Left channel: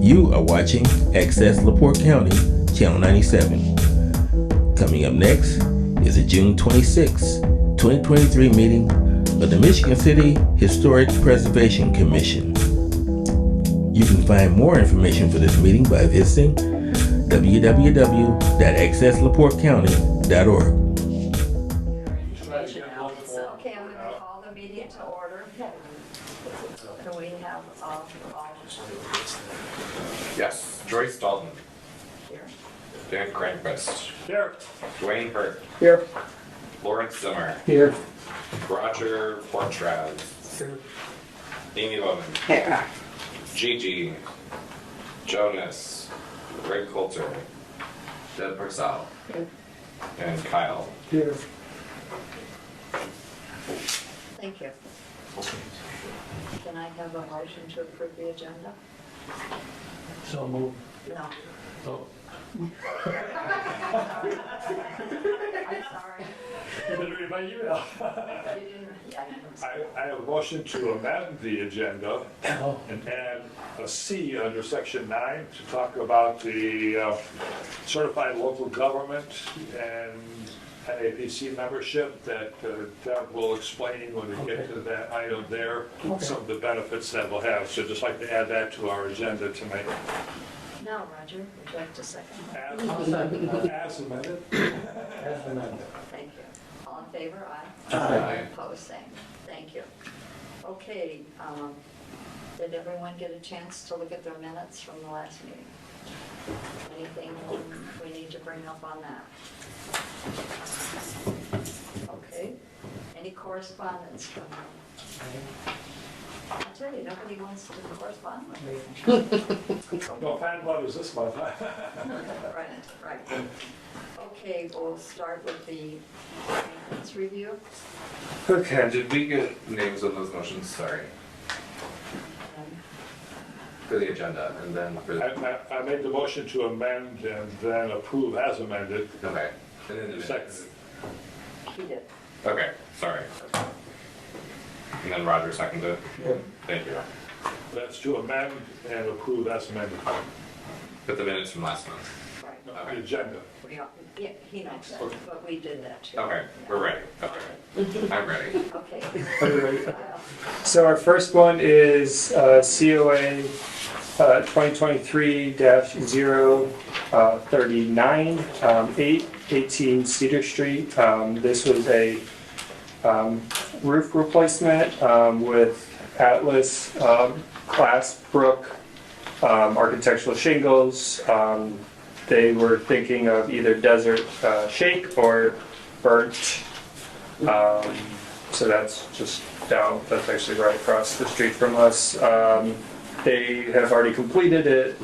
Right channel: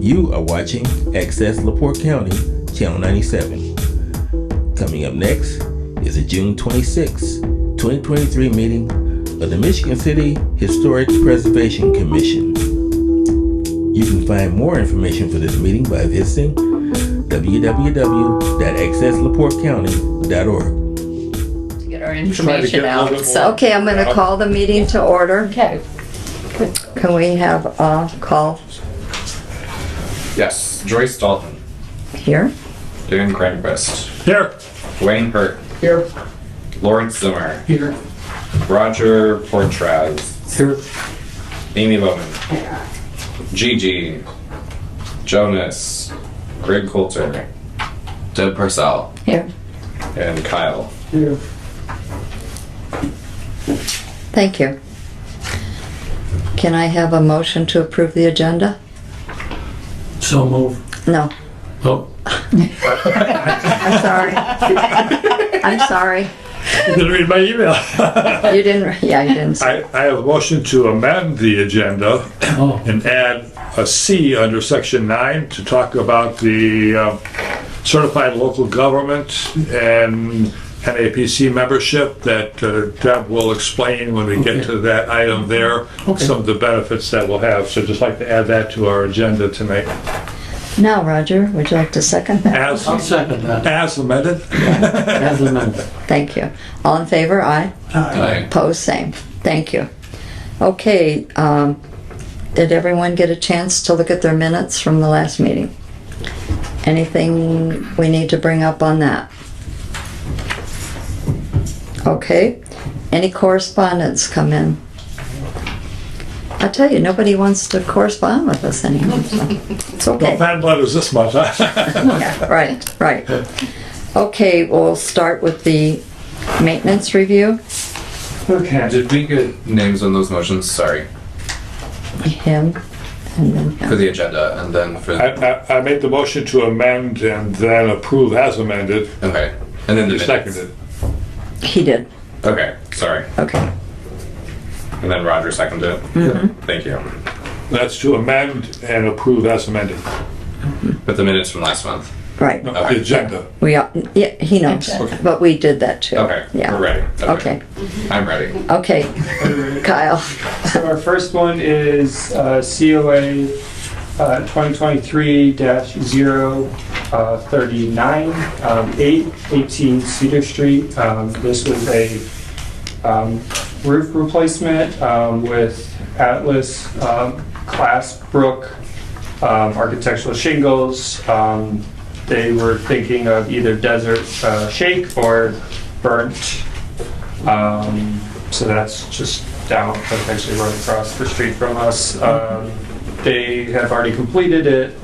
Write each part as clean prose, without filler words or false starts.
You are watching Access LaPorte County, Channel 97. Coming up next is the June 26, 2023 meeting of the Michigan City Historic Preservation Commission. You can find more information for this meeting by visiting www.accesslaportecounty.org. Get our information out. So, Okay, I'm gonna call the meeting to order. okay. Can we have a call Yes, Joyce Dalton, here? Dan Cranquist, Here. Wayne Hurt, Here. Lawrence Zimmer, Here. Roger Portraz, Here. Amy Bowman, Gigi, Jonas, Greg Coulter, Deb Purcell, Here. and Kyle. Here. Thank you. Can I have a motion to approve the agenda? So move. No, Oh, I'm sorry. I'm sorry. you didn't read my email. You didn't, yeah, you didn't. I have a motion to amend the agenda and add a C under section 9 to talk about the certified local government and NAPC membership that Deb will explain when we get to that item there, some of the benefits that we'll have. So just like to add that to our agenda tonight. Now, Roger, would you like to second that? As, I'll second that. as amended. As amended. Thank you. All in favor? Aye. Aye. Opposed? Same. Thank you. Okay, did everyone get a chance to look at their minutes from the last meeting? Anything we need to bring up on that? Okay, any correspondence come in? I tell you, nobody wants to correspond with us anymore, so it's No okay. fan letters this month, huh? Yeah, right. Okay, we'll start with the maintenance review. Okay. Did we get names on those motions? Sorry. Him, and then For the agenda and then for. I made the motion to amend and then approve as amended. Okay. And then the You minutes. seconded. he did. Okay, sorry. Okay, And then Roger seconded it. Thank you. That's to amend and approve as amended. But the minutes from last month. right. No, the agenda. We are, yeah, he knows, Okay. but we did that too. Okay, Yeah. we're ready. Okay, I'm ready. okay. Kyle, So our first one is COA 2023-039, 818 Cedar Street. This was a roof replacement with Atlas Class Brook architectural shingles. They were thinking of either desert shake or burnt. So that's just down, that's actually right across the street from us. They have already completed it.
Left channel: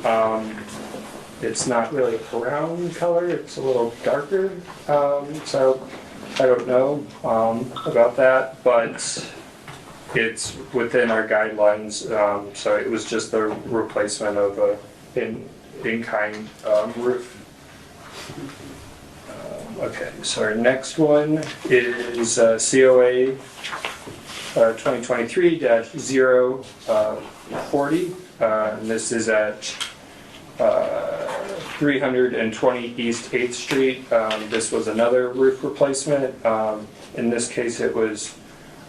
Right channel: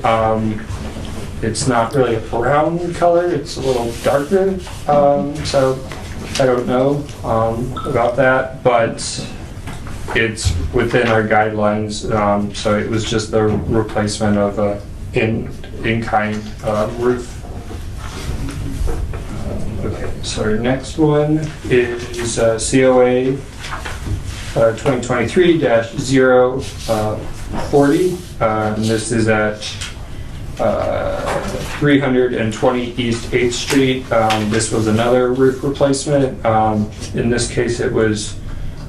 It's not really a brown color, it's a little darker. So I don't know about that, but it's within our guidelines. So it was just the replacement of a in-kind roof. Okay, so our next one is COA 2023-040. And this is at 320 East 8th Street. This was another roof replacement. In this case, it was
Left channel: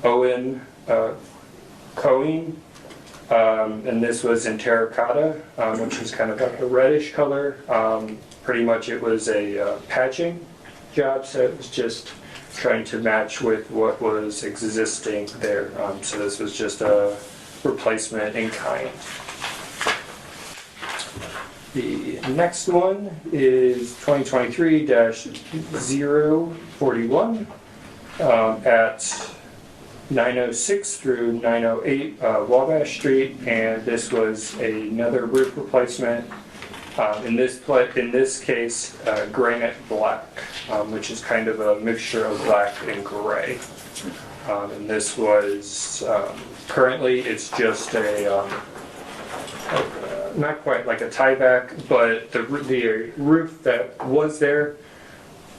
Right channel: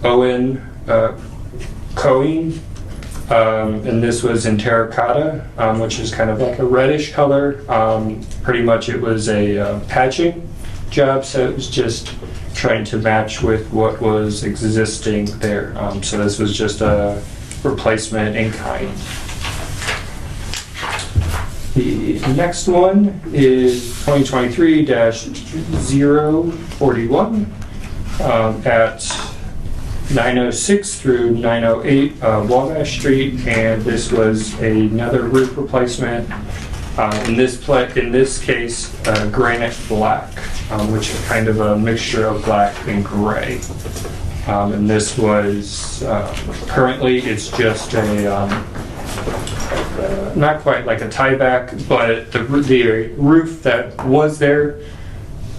Owen Cohen. And this was in terracotta, which is kind of like a reddish color. Pretty much it was a patching job, so it was just trying to match with what was existing there. So this was just a replacement in kind. The next one is 2023-041 at 906 through 908 Wabash Street, and this was another roof replacement. In this case, granite black, which is kind of a mixture of black and gray. And this was currently it's just a not quite like a tieback, but the roof that was there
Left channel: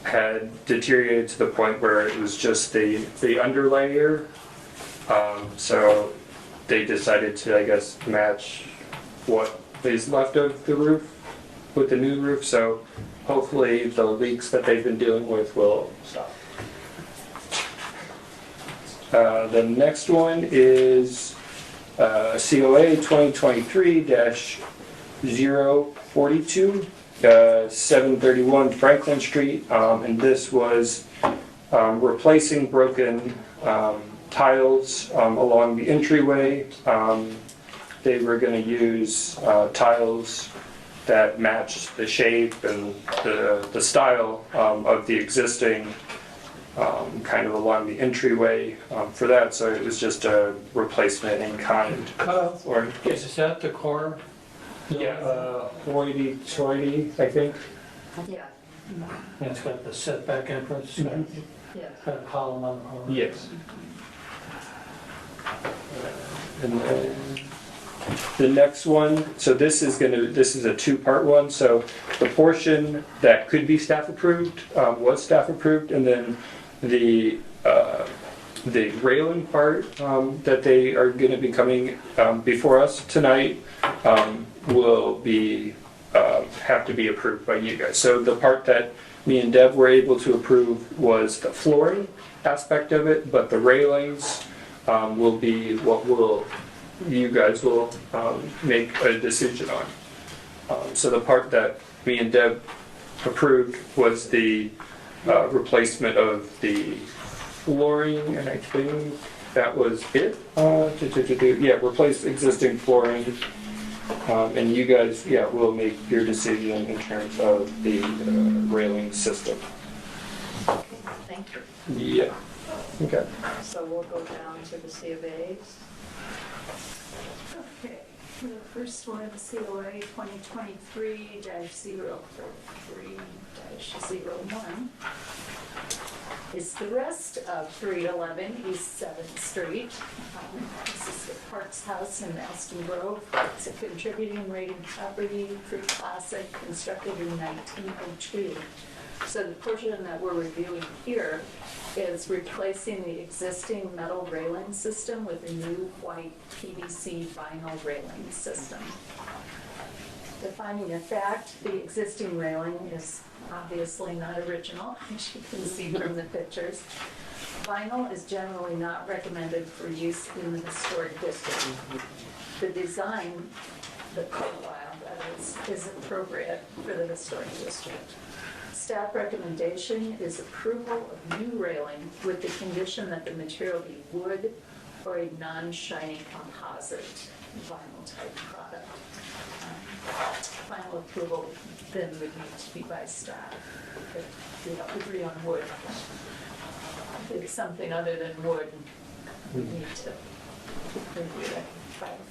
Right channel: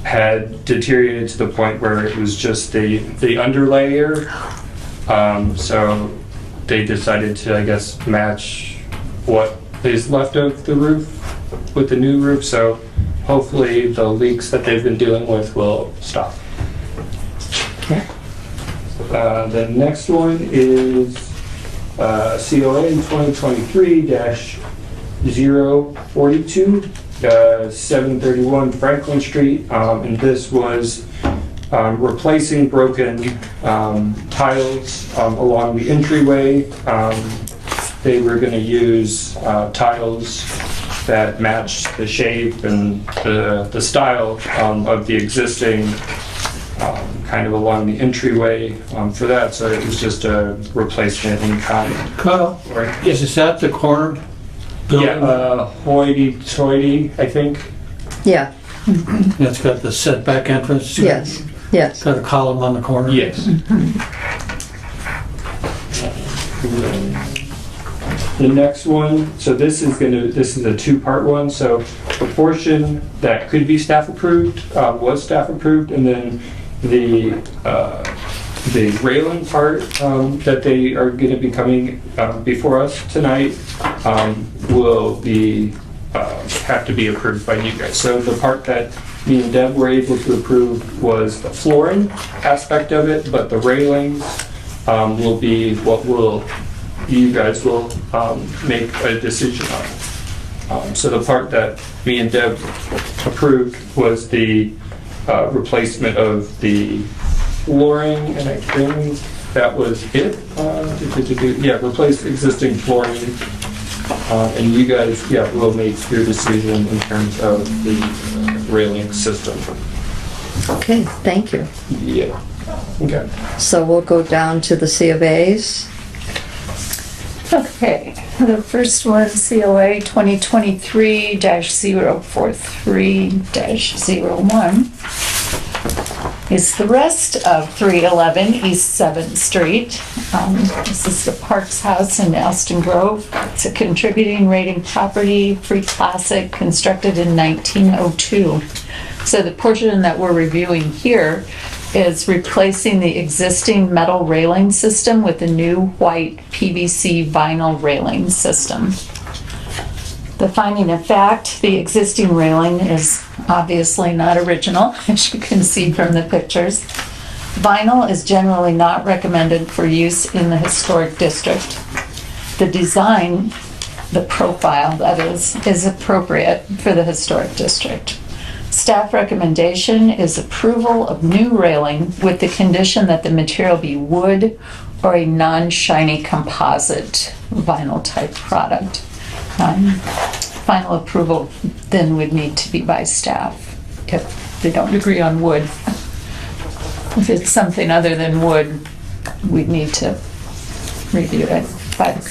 had deteriorated to the point where it was just the underlayer. So they decided to, I guess, match what is left of the roof with the new roof, so hopefully the leaks that they've been dealing with will stop. Okay. The next one is COA 2023-042, 731 Franklin Street, and this was replacing broken tiles along the entryway. They were going to use tiles that matched the shape and the style of the existing kind of along the entryway for that. So it was just a replacement in kind. Kyle, Or, is this at the corner building? yeah, hoity-toity, I think. Yeah, It's got the setback entrance? yes, yes. Got a column on the corner? Yes. The next one, so this is a two-part one, so the portion that could be staff approved was staff approved, and then the railing part that they are going to be coming before us tonight will be have to be approved by you guys. So the part that me and Deb were able to approve was the flooring aspect of it, but the railings will be what you guys will make a decision on. So the part that me and Deb approved was the replacement of the flooring, and I think that was it. Yeah, replace existing flooring. And you guys, yeah, will make your decision in terms of the railing system. Okay, thank you. Yeah. Okay. So we'll go down to the C of A's. Okay, the first one, COA 2023-043-01, is the rest of 311 East 7th Street. This is the Parks House in Aston Grove. It's a contributing rating property, free classic, constructed in 1902. So the portion that we're reviewing here is replacing the existing metal railing system with a new white PVC vinyl railing system. The finding of fact, the existing railing is obviously not original, as you can see from the pictures. Vinyl is generally not recommended for use in the historic district. The design, the profile that is appropriate for the historic district. Staff recommendation is approval of new railing with the condition that the material be wood or a non-shiny composite vinyl type product. Final approval then would need to be by staff if they don't agree on wood. If it's something other than wood, we'd need to review it. But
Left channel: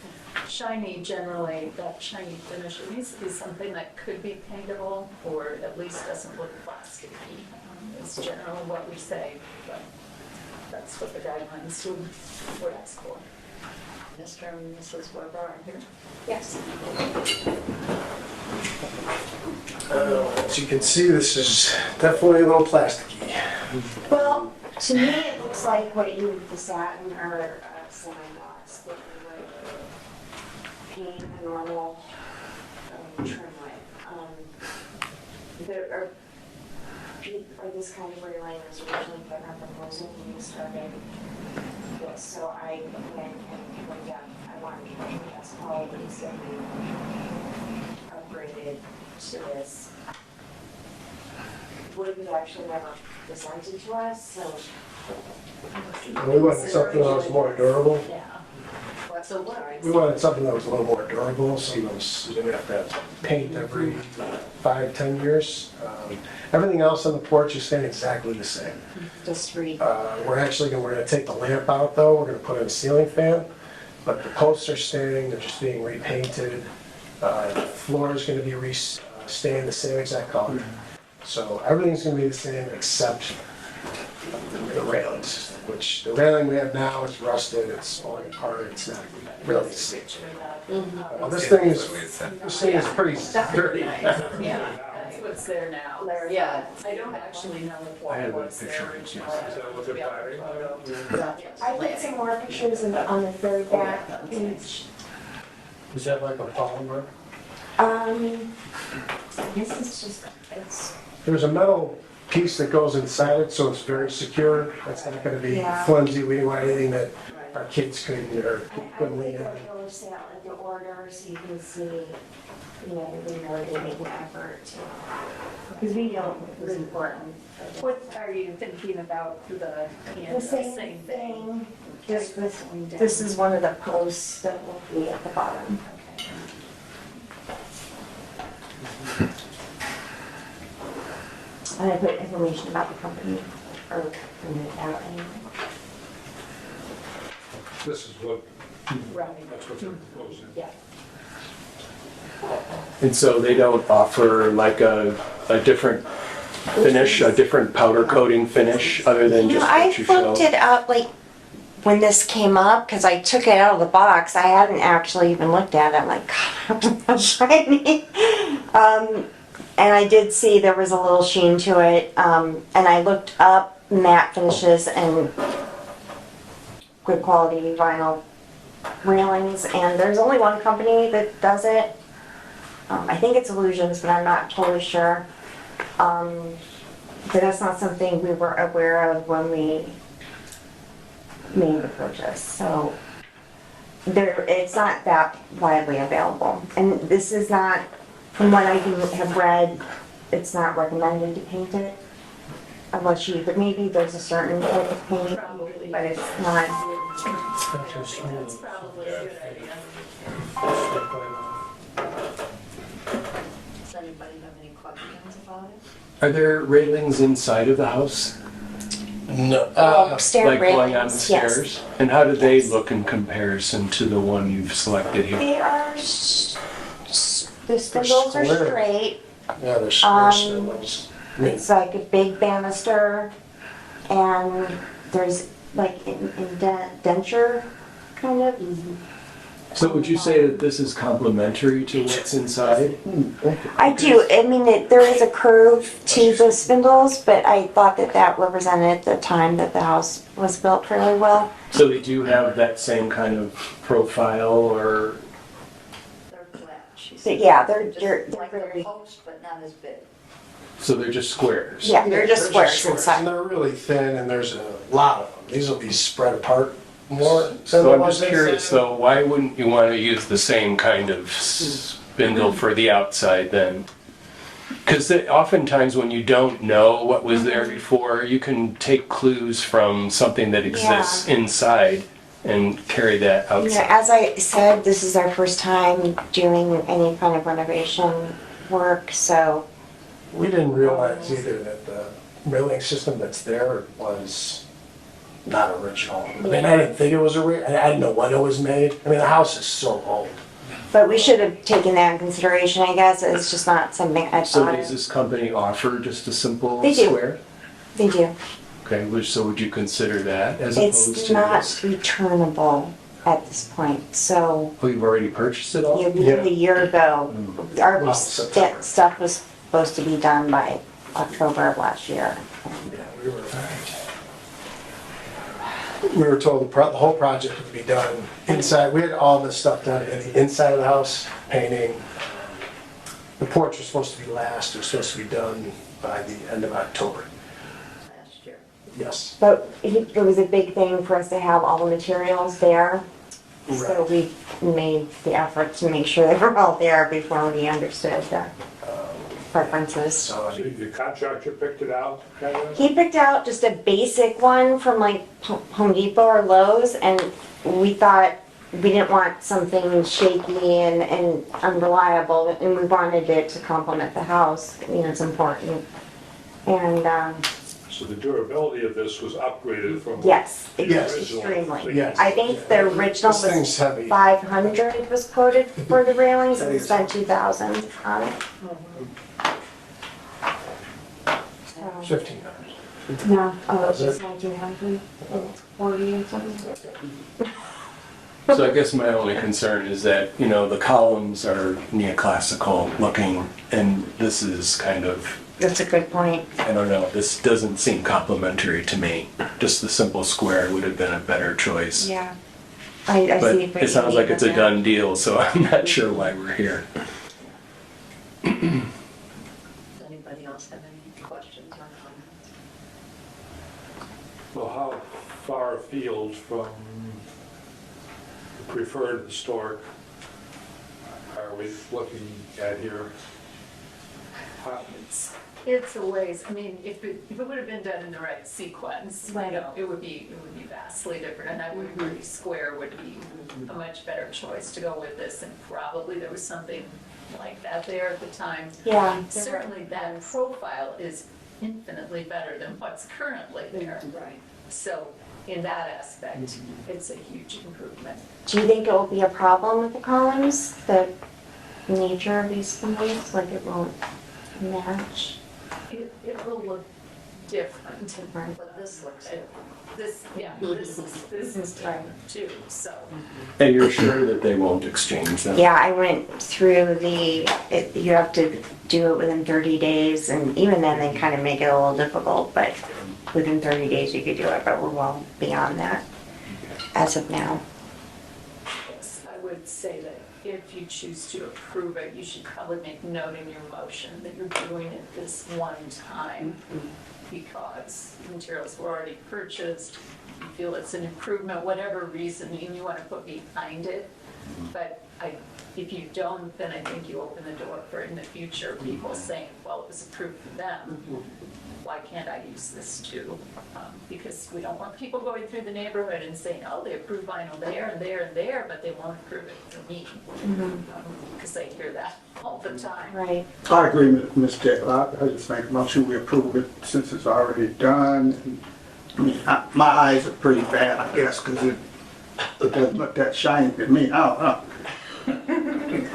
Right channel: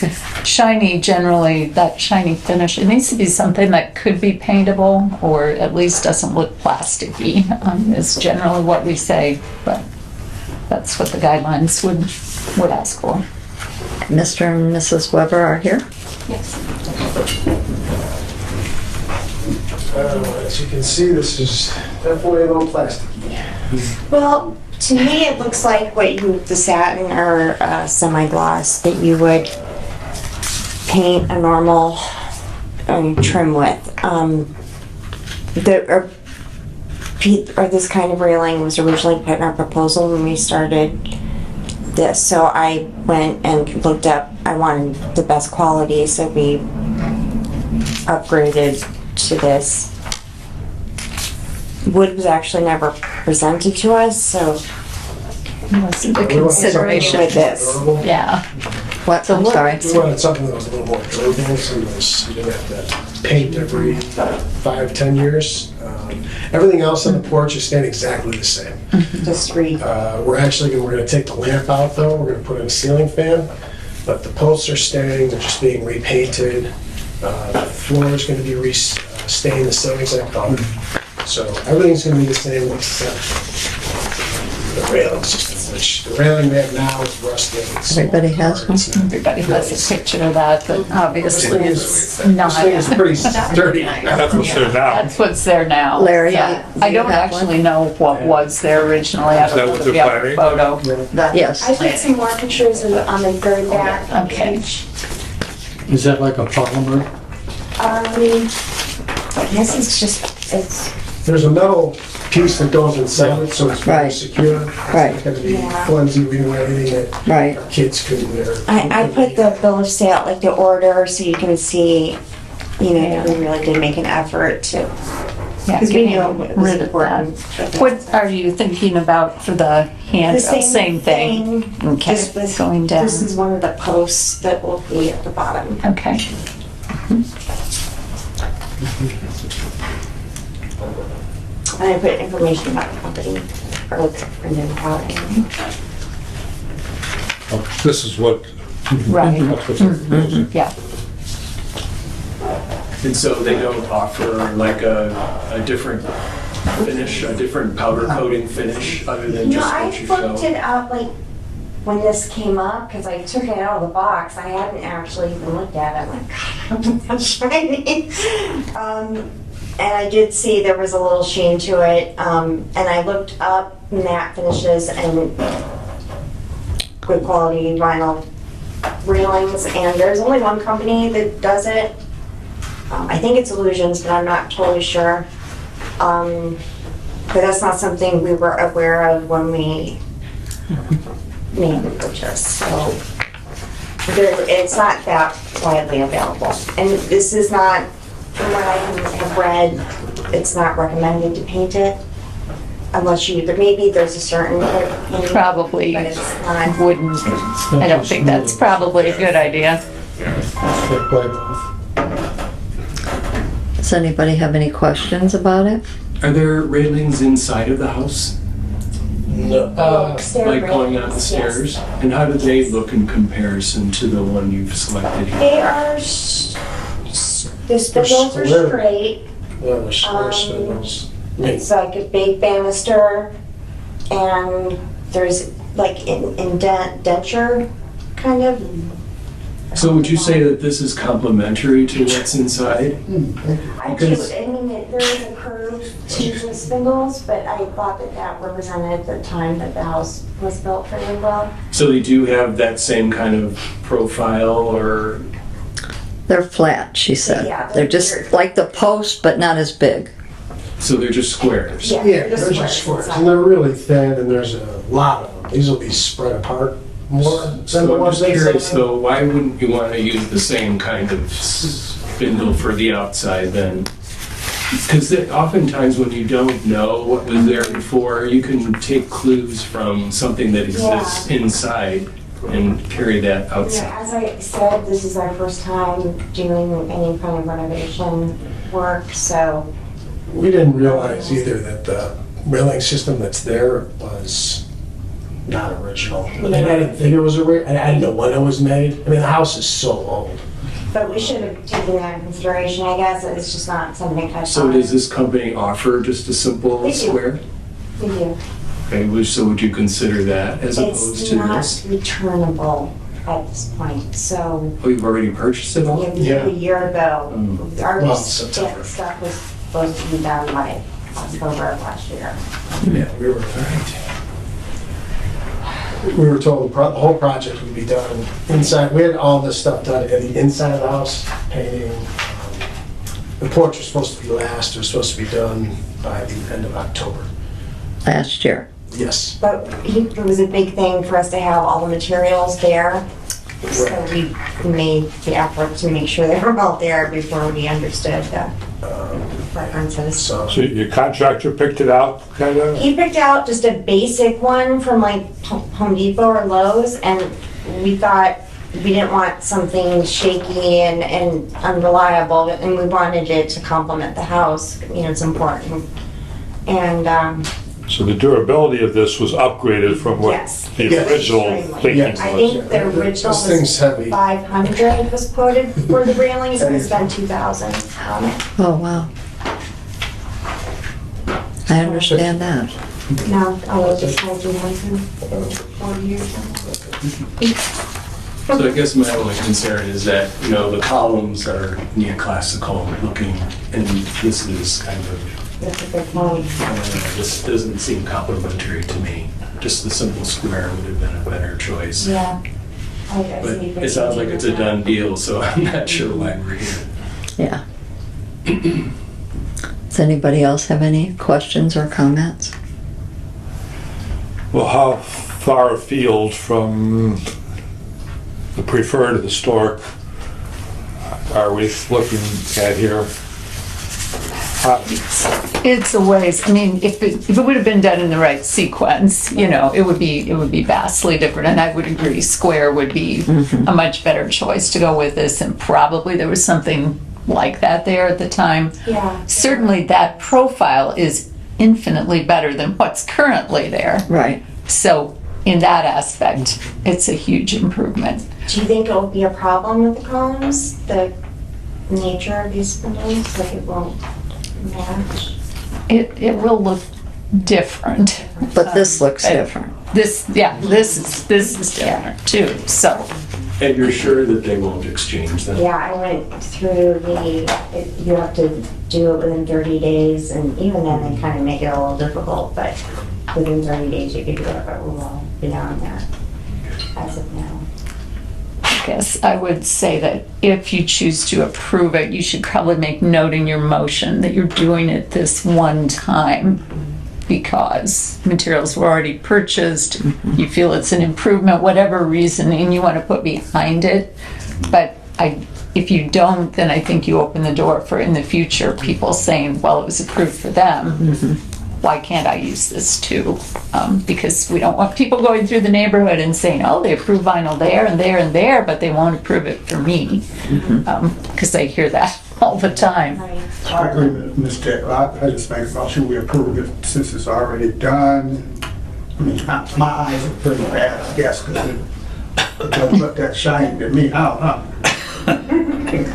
shiny, generally, that shiny finish, it needs to be something that could be paintable or at least doesn't look plasticky, is generally what we say, but that's what the guidelines would ask for. Mr. and Mrs. Weber are here. Yes. As you can see, this is definitely a little plasticky. Well, to me, it looks like the satin or semi-gloss that you would paint a normal trim with. This kind of railing was originally put in our proposal when we started this. So I went and looked up, I wanted the best quality, so we upgraded to this. Wood was actually never presented to us, so Wasn't a We wanted something consideration. a little more This. durable. Yeah. What, I'm sorry. We wanted something that was a little more durable, so you didn't have to paint every 5-10 years. Everything else on the porch is staying exactly the same. just read. We're gonna take the lamp out though, we're gonna put in a ceiling fan, but the posts are staying, they're just being repainted. The floor is gonna be staying the same exact color. So everything's gonna be the same except the railing system, which the railing we have now is rusted. It's Everybody has hard, one? it's, Everybody has a picture of that, but This obviously thing it's is, not. this thing is pretty sturdy. That's what's there now. That's what's there now. Larry, Yeah. do I you don't have one? actually know what was there originally. I Is that don't know what if they're we have a planning? photo. Yes. I put some more pictures on the third back Okay. page. Is that like a polymer? This is just, it's, There's a metal piece that goes inside it, so it's very Right. secure. Right. It's not gonna be Yeah. flimsy, we do anything that Right. our kids can, or. I put the bill of sale, like the order, so you can see, you know, we really did make an effort to, Yeah, because we getting knew it was rid of important. that. What are you thinking about for the The handrail? Same thing? Okay, This going down. This is one of the posts that will be at the bottom. Okay. And I put information about the company, or printed out. This is what, Right, that's what they're proposing. yeah. And so they don't offer like a different finish, a different powder coating finish other than You know, just I what you show? looked it up, like, when this came up, because I took it out of the box, I hadn't actually even looked at it, I'm like, God, I'm shiny. And I did see there was a little sheen to it, and I looked up matte finishes and good quality vinyl railings, and there's only one company that does it. I think it's Illusions, but I'm not totally sure. But that's not something we were aware of when we made the purchase, so it's not that widely available. And this is not, from what I can have read, it's not recommended to paint it unless you, maybe there's a certain type of paint. Probably But it's not. wouldn't, I don't think that's probably a good idea. Does anybody have any questions about it? Are there railings inside of the house? No. Stair Like going up the railings, yes. stairs? And how do they look in comparison to the one you've selected here? They are, the spindles are square. straight. Yeah, there's square spindles. It's like a big banister, and there's like indenture, kind of. So would you say that this is complementary to what's inside? I do, I mean, there is a curve to the spindles, but I thought that that represented the time that the house was built fairly well. So they do have that same kind of profile or, They're flat, she said. Yeah, they're- They're just they're- like the post, but not as big. so they're just squares? Yeah, they're just squares And inside. they're really thin, and there's a lot of them. These will be spread apart more than the So I'm ones just they curious said. though, why wouldn't you want to use the same kind of spindle for the outside then? Because oftentimes when you don't know what was there before, you can take clues from something that exists inside and carry that You know, outside. as I said, this is our first time doing any kind of renovation work, so. We didn't realize either that the railing system that's there was not original. I mean, I didn't think it was I didn't know when it was made. I mean, the house is so old. But we should have taken that in consideration, I guess. It's just not something I So thought. does this company offer just a simple They do. square? They do. Okay, so would you consider that as opposed It's to not this? returnable at this point, so Oh, you've already purchased it all? we did a year ago. Our Well, September. stuff was supposed to be done by October of last year. Yeah, we were told the whole project would be done inside. We had all this stuff done at the inside of the house, painting. The porch was supposed to be last. It was supposed to be done by the end of October. Last year. Yes. But it was a big thing for us to have all the materials there. So we made the effort to make sure they were all there before we understood the preferences. So So your contractor picked it out, kind of? He picked out just a basic one from like Home Depot or Lowe's, and we thought we didn't want something shaky and unreliable, and we wanted it to complement the house. You know, it's important. And So the durability of this was upgraded from what yes, the Yes. original Extremely. thinking Yes. I was? think the original This thing's was heavy. 500 was quoted for the railings, and we spent 2,000 on it. Oh, wow. I understand that. No, I was just 1900 in 40 years. So I guess my only concern is that, you know, the columns are neoclassical looking, and this is kind of, That's a good point. I don't know, this doesn't seem complimentary to me. Just the simple square would have been a better choice. Yeah, I But see. it sounds like it's a done deal, so I'm not sure why we're here. Yeah. Does anybody else have any questions or comments? Well, how far afield from the preferred historic are we looking at here? It's a ways, I mean, if it would have been done in the right sequence, you know, it would be vastly different, and I would agree, square would be a much better choice to go with this, and probably there was something like that there at the time. Yeah. Certainly that profile is infinitely better than what's currently there. Right. So in that aspect, it's a huge improvement. Do you think it'll be a problem with the columns, the nature of these buildings, like it won't match? It will look different. But this looks different. This is different too, so. And you're sure that they won't exchange them? Yeah, I went through you have to do it within 30 days, and even then they kind of make it a little difficult, but within 30 days you could do it, but we're well beyond that as of now. I guess I would say that if you choose to approve it, you should probably make note in your motion that you're doing it this one time because materials were already purchased, you feel it's an improvement, whatever reasoning you want to put behind it. But if you don't, then I think you open the door for in the future people saying, well, it was approved for them. Why can't I use this too? Because we don't want people going through the neighborhood and saying, oh, they approve vinyl there and there and there, but they won't approve it for me. Because I hear that all the time. Right. I agree with Ms. Jekyll. I just make a motion we approve it since it's already done. I mean, my eyes are pretty bad, I guess, because it doesn't look that shiny to me. I don't know.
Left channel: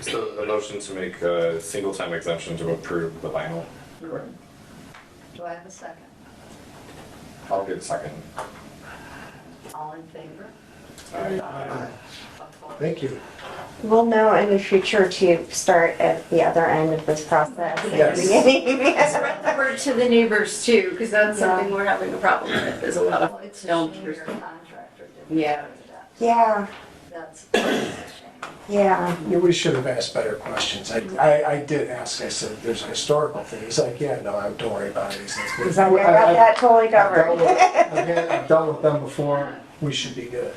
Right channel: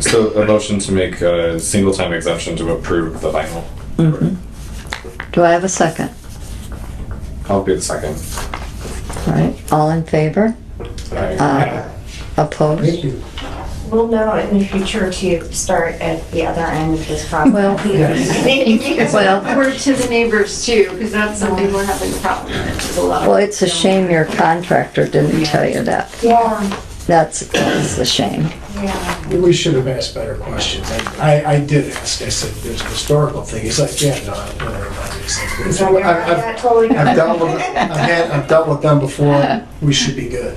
So a motion to make a single time exemption to approve the vinyl. Do I have a second? I'll be the second. All right, all in favor? Opposed? Thank you. We'll know in the future to start at the other end of this process. Well, We're to the neighbors too, because that's something we're having a problem with. There's a lot of. well, it's a shame your contractor didn't tell you that. Yeah, That's a shame. yeah. We should have asked better questions. I did ask, I said, there's a historical thing. He's like, yeah, no, don't worry about it. He said, Don't worry about that, totally I've dealt covered. with I've dealt with them before. We should be good.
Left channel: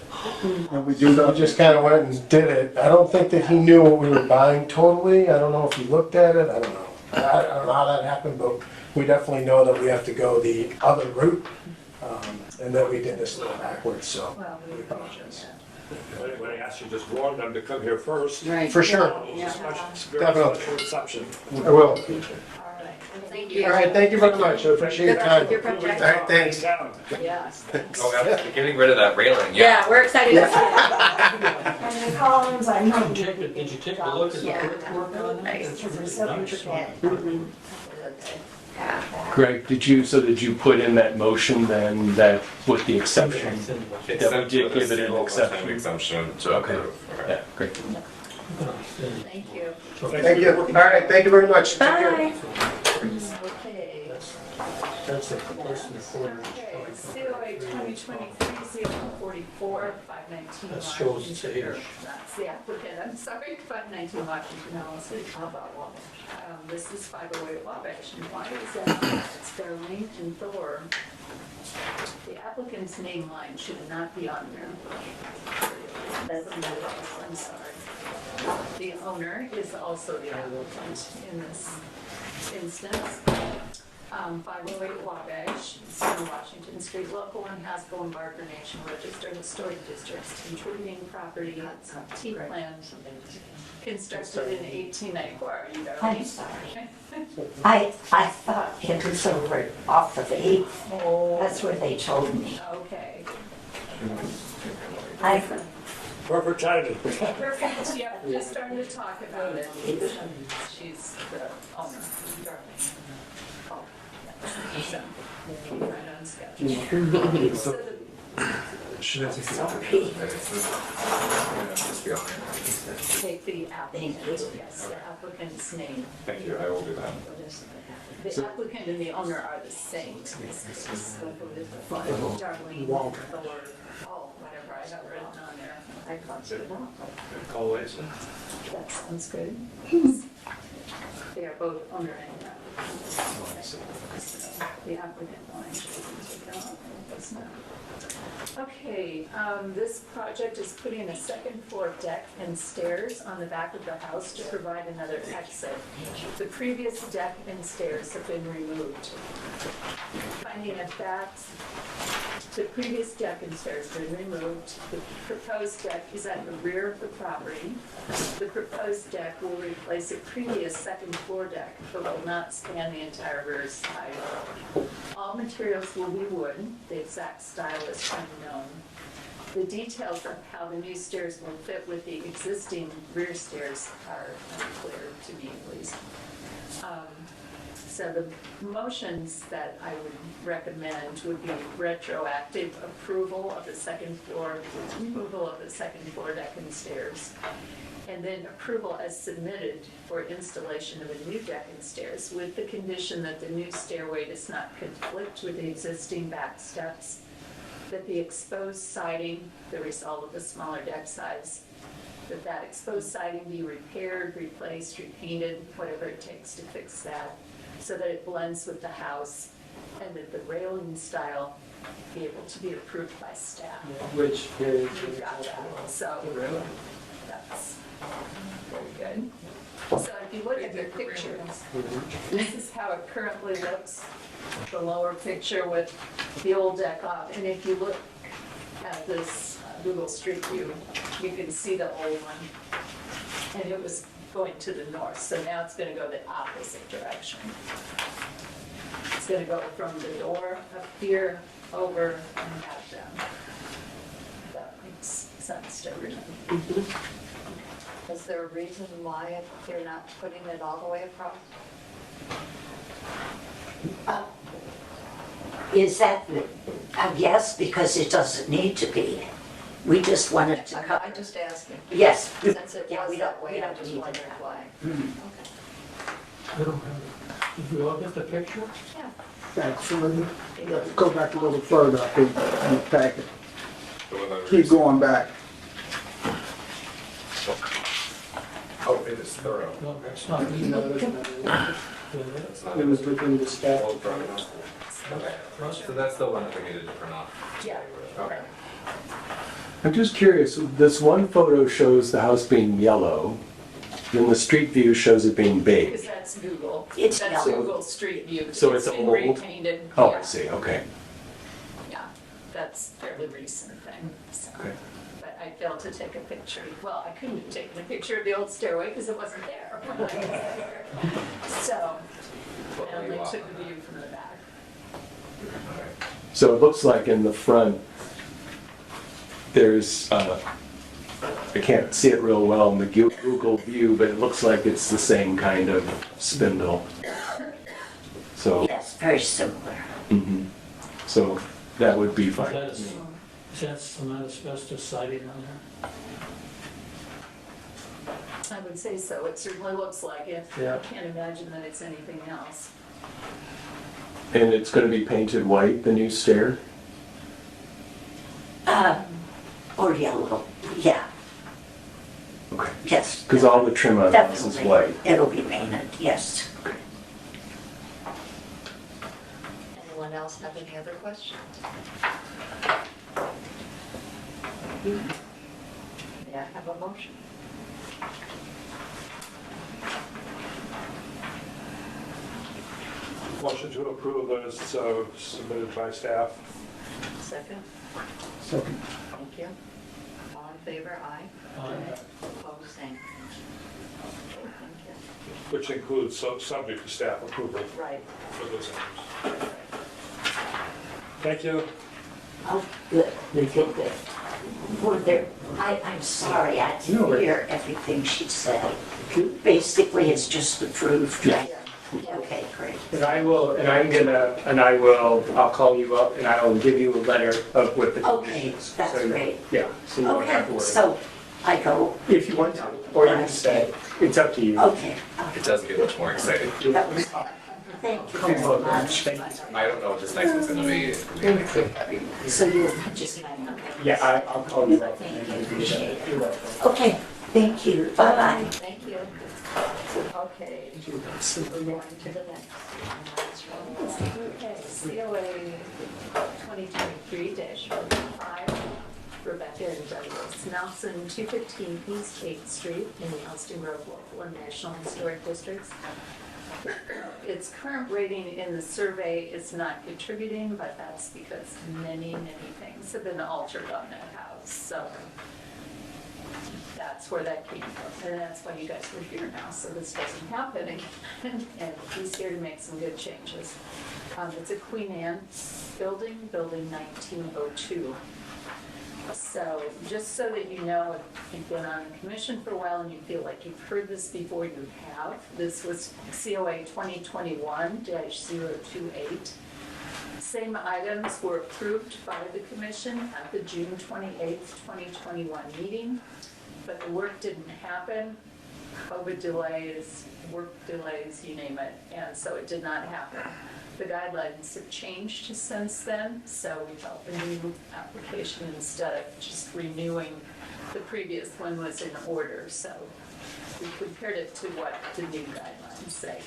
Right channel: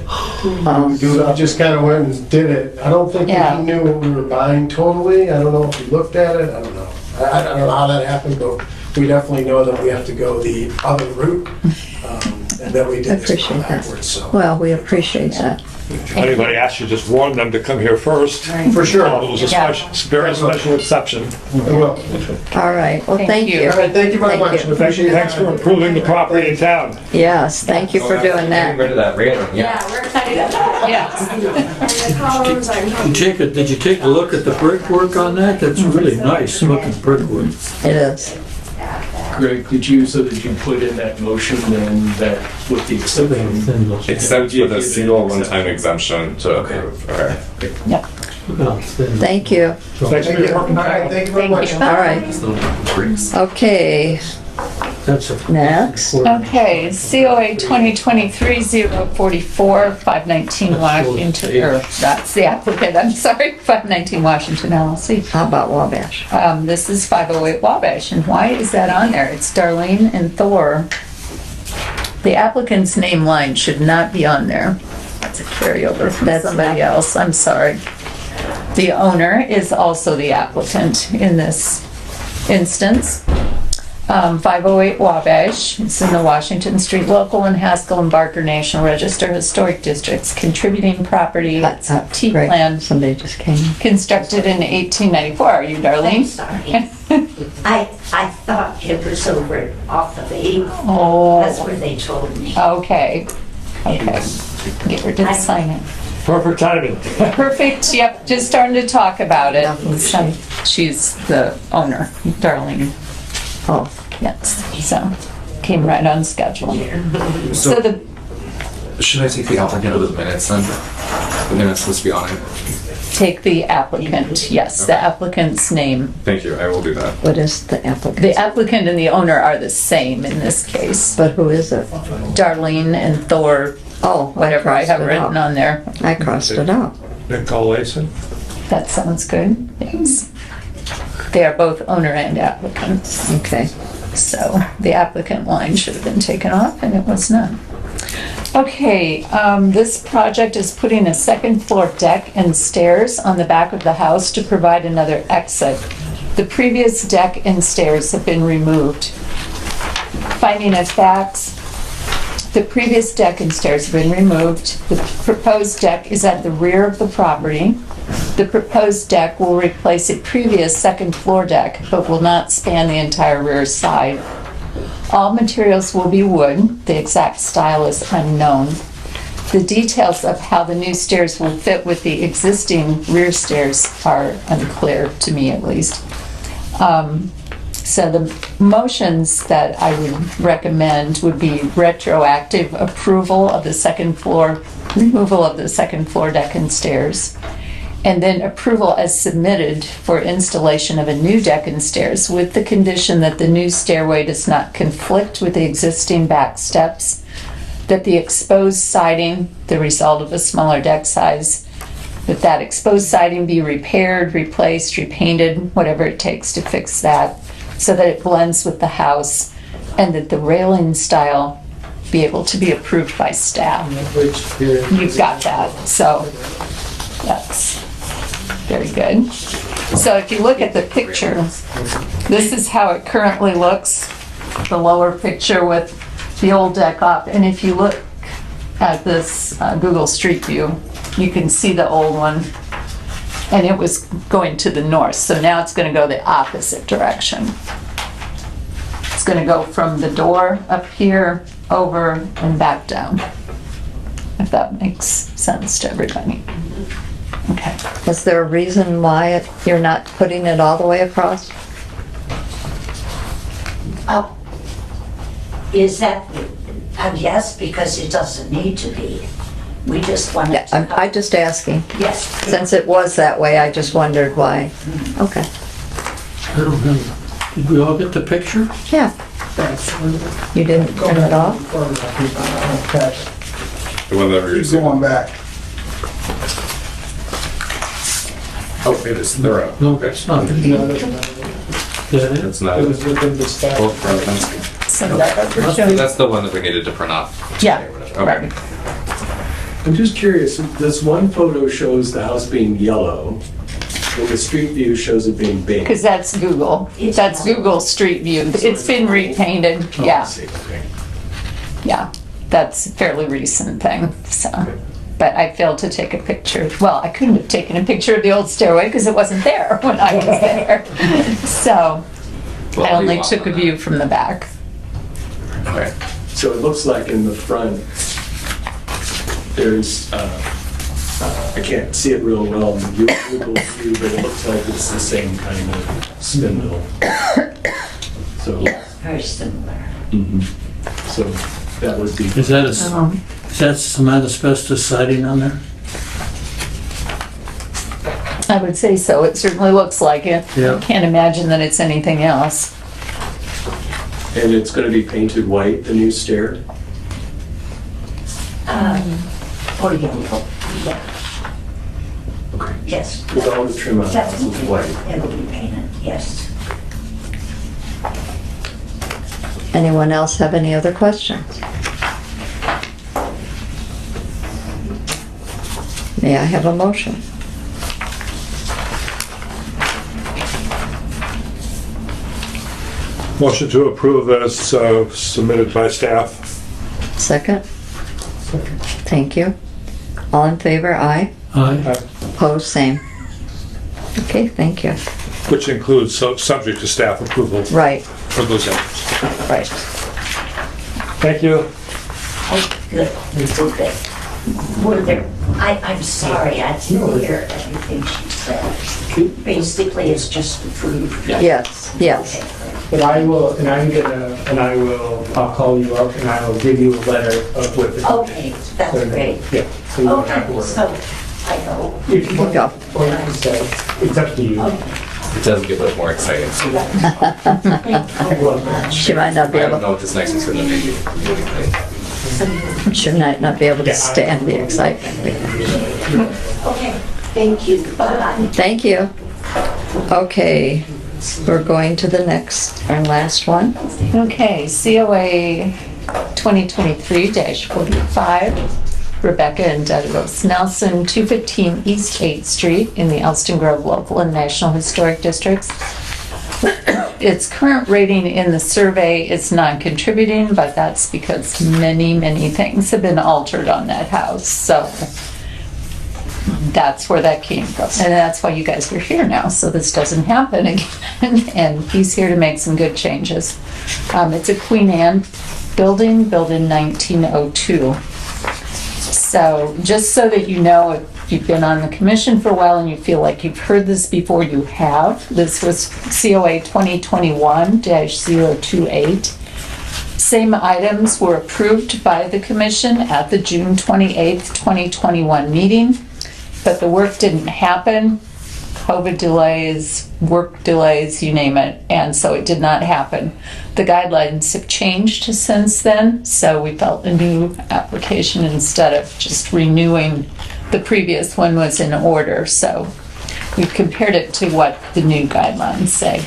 Um, So we just kind of went and did it. I don't think that Yeah. he knew what we were buying totally. I don't know if he looked at it. I don't know. I don't know how that happened, but we definitely know that we have to go the other route. And that we I did this appreciate that. backwards, so. Well, we appreciate that. If anybody asks you, just warn them to come here first. For sure. It was a very special exception. Well, All right, well, Thank thank you. you. all right, thank you very Thank much. you. Appreciate your Thanks for time. improving the property in town. Yes, thank you for doing Getting that. rid of that railing, Yeah, we're excited about that. Yes. And the columns, I'm Did you take a look at the brickwork on that? That's really nice looking brickwork. It is. Greg, did you put in that motion then that with the exception? Except Would with a you single give it an one-time exemption to Okay. approve. Okay. Yep. Thank you. Thank you. All right, thank you very much. All right, okay, That's a. next. Okay, COA 2023-044, 519 Washington, or that's the applicant, I'm sorry, 519 Washington LLC. How about Wabash? This is 508 Wabash, and why is that on there? It's Darlene and Thor. The applicant's name line should not be on there. That's a carryover from That's somebody not- else, I'm sorry. The owner is also the applicant in this instance. 508 Wabash, it's in the Washington Street Local and Haskell and Barker National Register Historic Districts, contributing property, That's T great. plan, Somebody just came in. constructed in 1894. Are you Darlene? Sorry. I thought it was over off of 8. That's Oh, what they told me. okay, okay. Get her to sign it. Perfect timing. Perfect, yep, just starting to talk about it. She's the owner, Darlene. Oh, Yes, so came right on schedule. So the, Should I take the applicant out of the minutes then? The minutes supposed to be on it. take the applicant, yes, the applicant's name. Thank you, I will do that. what is the applicant? The applicant and the owner are the same in this case. But who is it? Darlene and Thor, Oh, whatever I have crossed it written out. on there. I crossed it out. Nicole Lason. That sounds good, yes. They are both owner and applicants, Okay. so the applicant line should have been taken off, and it was not. Okay, this project is putting a second floor deck and stairs on the back of the house to provide another exit. The previous deck and stairs have been removed. Finding of facts, the previous deck and stairs have been removed. The proposed deck is at the rear of the property. The proposed deck will replace a previous second floor deck, but will not span the entire rear side. All materials will be wood. The exact style is unknown. The details of how the new stairs will fit with the existing rear stairs are unclear, to me at least. So the motions that I would recommend would be retroactive approval of the second floor, removal of the second floor deck and stairs, and then approval as submitted for installation of a new deck and stairs with the condition that the new stairway does not conflict with the existing back steps, that the exposed siding, the result of a smaller deck size, that exposed siding be repaired, replaced, repainted, whatever it takes to fix that, so that it blends with the house, and that the railing style be able to be approved by staff. You've got that, so that's very good. So if you look at the picture, this is how it currently looks, the lower picture with the old deck up. And if you look at this Google Street View, you can see the old one, and it was going to the north, so now it's going to go the opposite direction. It's going to go from the door up here, over, and back down, if that makes sense to everybody. Okay. Is there a reason why you're not putting it all the way across? Is that, yes, because it doesn't need to be. We just want it to come. I'm just asking. Yes. Since it was that way, I just wondered why. Okay. I don't know. Did we all get the picture? Yeah. You didn't turn it off? Keep going back. Oh, it is, they're up. No, it's not. It's not. It was within the staff. So that That's the one that we needed to print off. Yeah, Okay. right. I'm just curious, this one photo shows the house being yellow, and the street view shows it being beige. Because that's Google. It's That's yellow. Google Street View. So It's been repainted, Oh, I yeah, see, okay. yeah. That's a fairly recent thing, so. But I failed to take a picture. Well, I couldn't have taken a picture of the old stairway because it wasn't there when I was there. So Well, I only you took a want view from the back. Okay. So it looks like in the front, there's, I can't see it real well in the Google view, but it looks like it's the same kind of spindle. So, Yes, very similar. so that would be. Is that some asbestos siding on there? I would say so. It certainly looks like it. Yeah. I can't imagine that it's anything else. And it's going to be painted white, the new stair? Or yellow, yeah, Okay. yes. Because all the trim on the house is Definitely, white. it'll be painted, yes. Anyone else have any other questions? May I have a motion? Motion to approve as submitted by staff. Second? Thank you. All in favor, aye. Aye. Opposed, same. Okay, thank you. Which includes subject to staff approval Right, for those items. right. Thank you. Oh, good, okay. Were there, I'm sorry, I didn't hear everything she said. Basically, it's just approved. Yes, yes. Okay, great. But I'll call you up and I'll give you a letter of with the. Okay, that's great. Yeah. So you don't have to Okay, worry. so I go, If you want, Go. or you can stay, it's up to you. okay. It does get a little more exciting. Thank you very much. She might not be I don't able, know if it's nice and gonna be. So you, she might not be able to stand the excitement. okay, Thank you. Bye-bye. Thank you. Okay, we're going to the next, our last one. Okay, COA 2023-45, Rebecca and Douglas Nelson, 215 East 8th Street in the Elston Grove Local and National Historic Districts. Its current rating in the survey is non-contributing, but that's because many, many things have been altered on that house. So that's where that came from. And that's why you guys are here now, so this doesn't happen again. And he's here to make some good changes. It's a Queen Anne building, built in 1902. So just so that you know, if you've been on the commission for a while and you feel like you've heard this before, you have. This was COA 2021-028. Same items were approved by the commission at the June 28th, 2021 meeting, but the work didn't happen. COVID delays, work delays, you name it, and so it did not happen. The guidelines have changed since then, so we felt a new application instead of just renewing the previous one was in order. So we compared it to what the new guidelines say.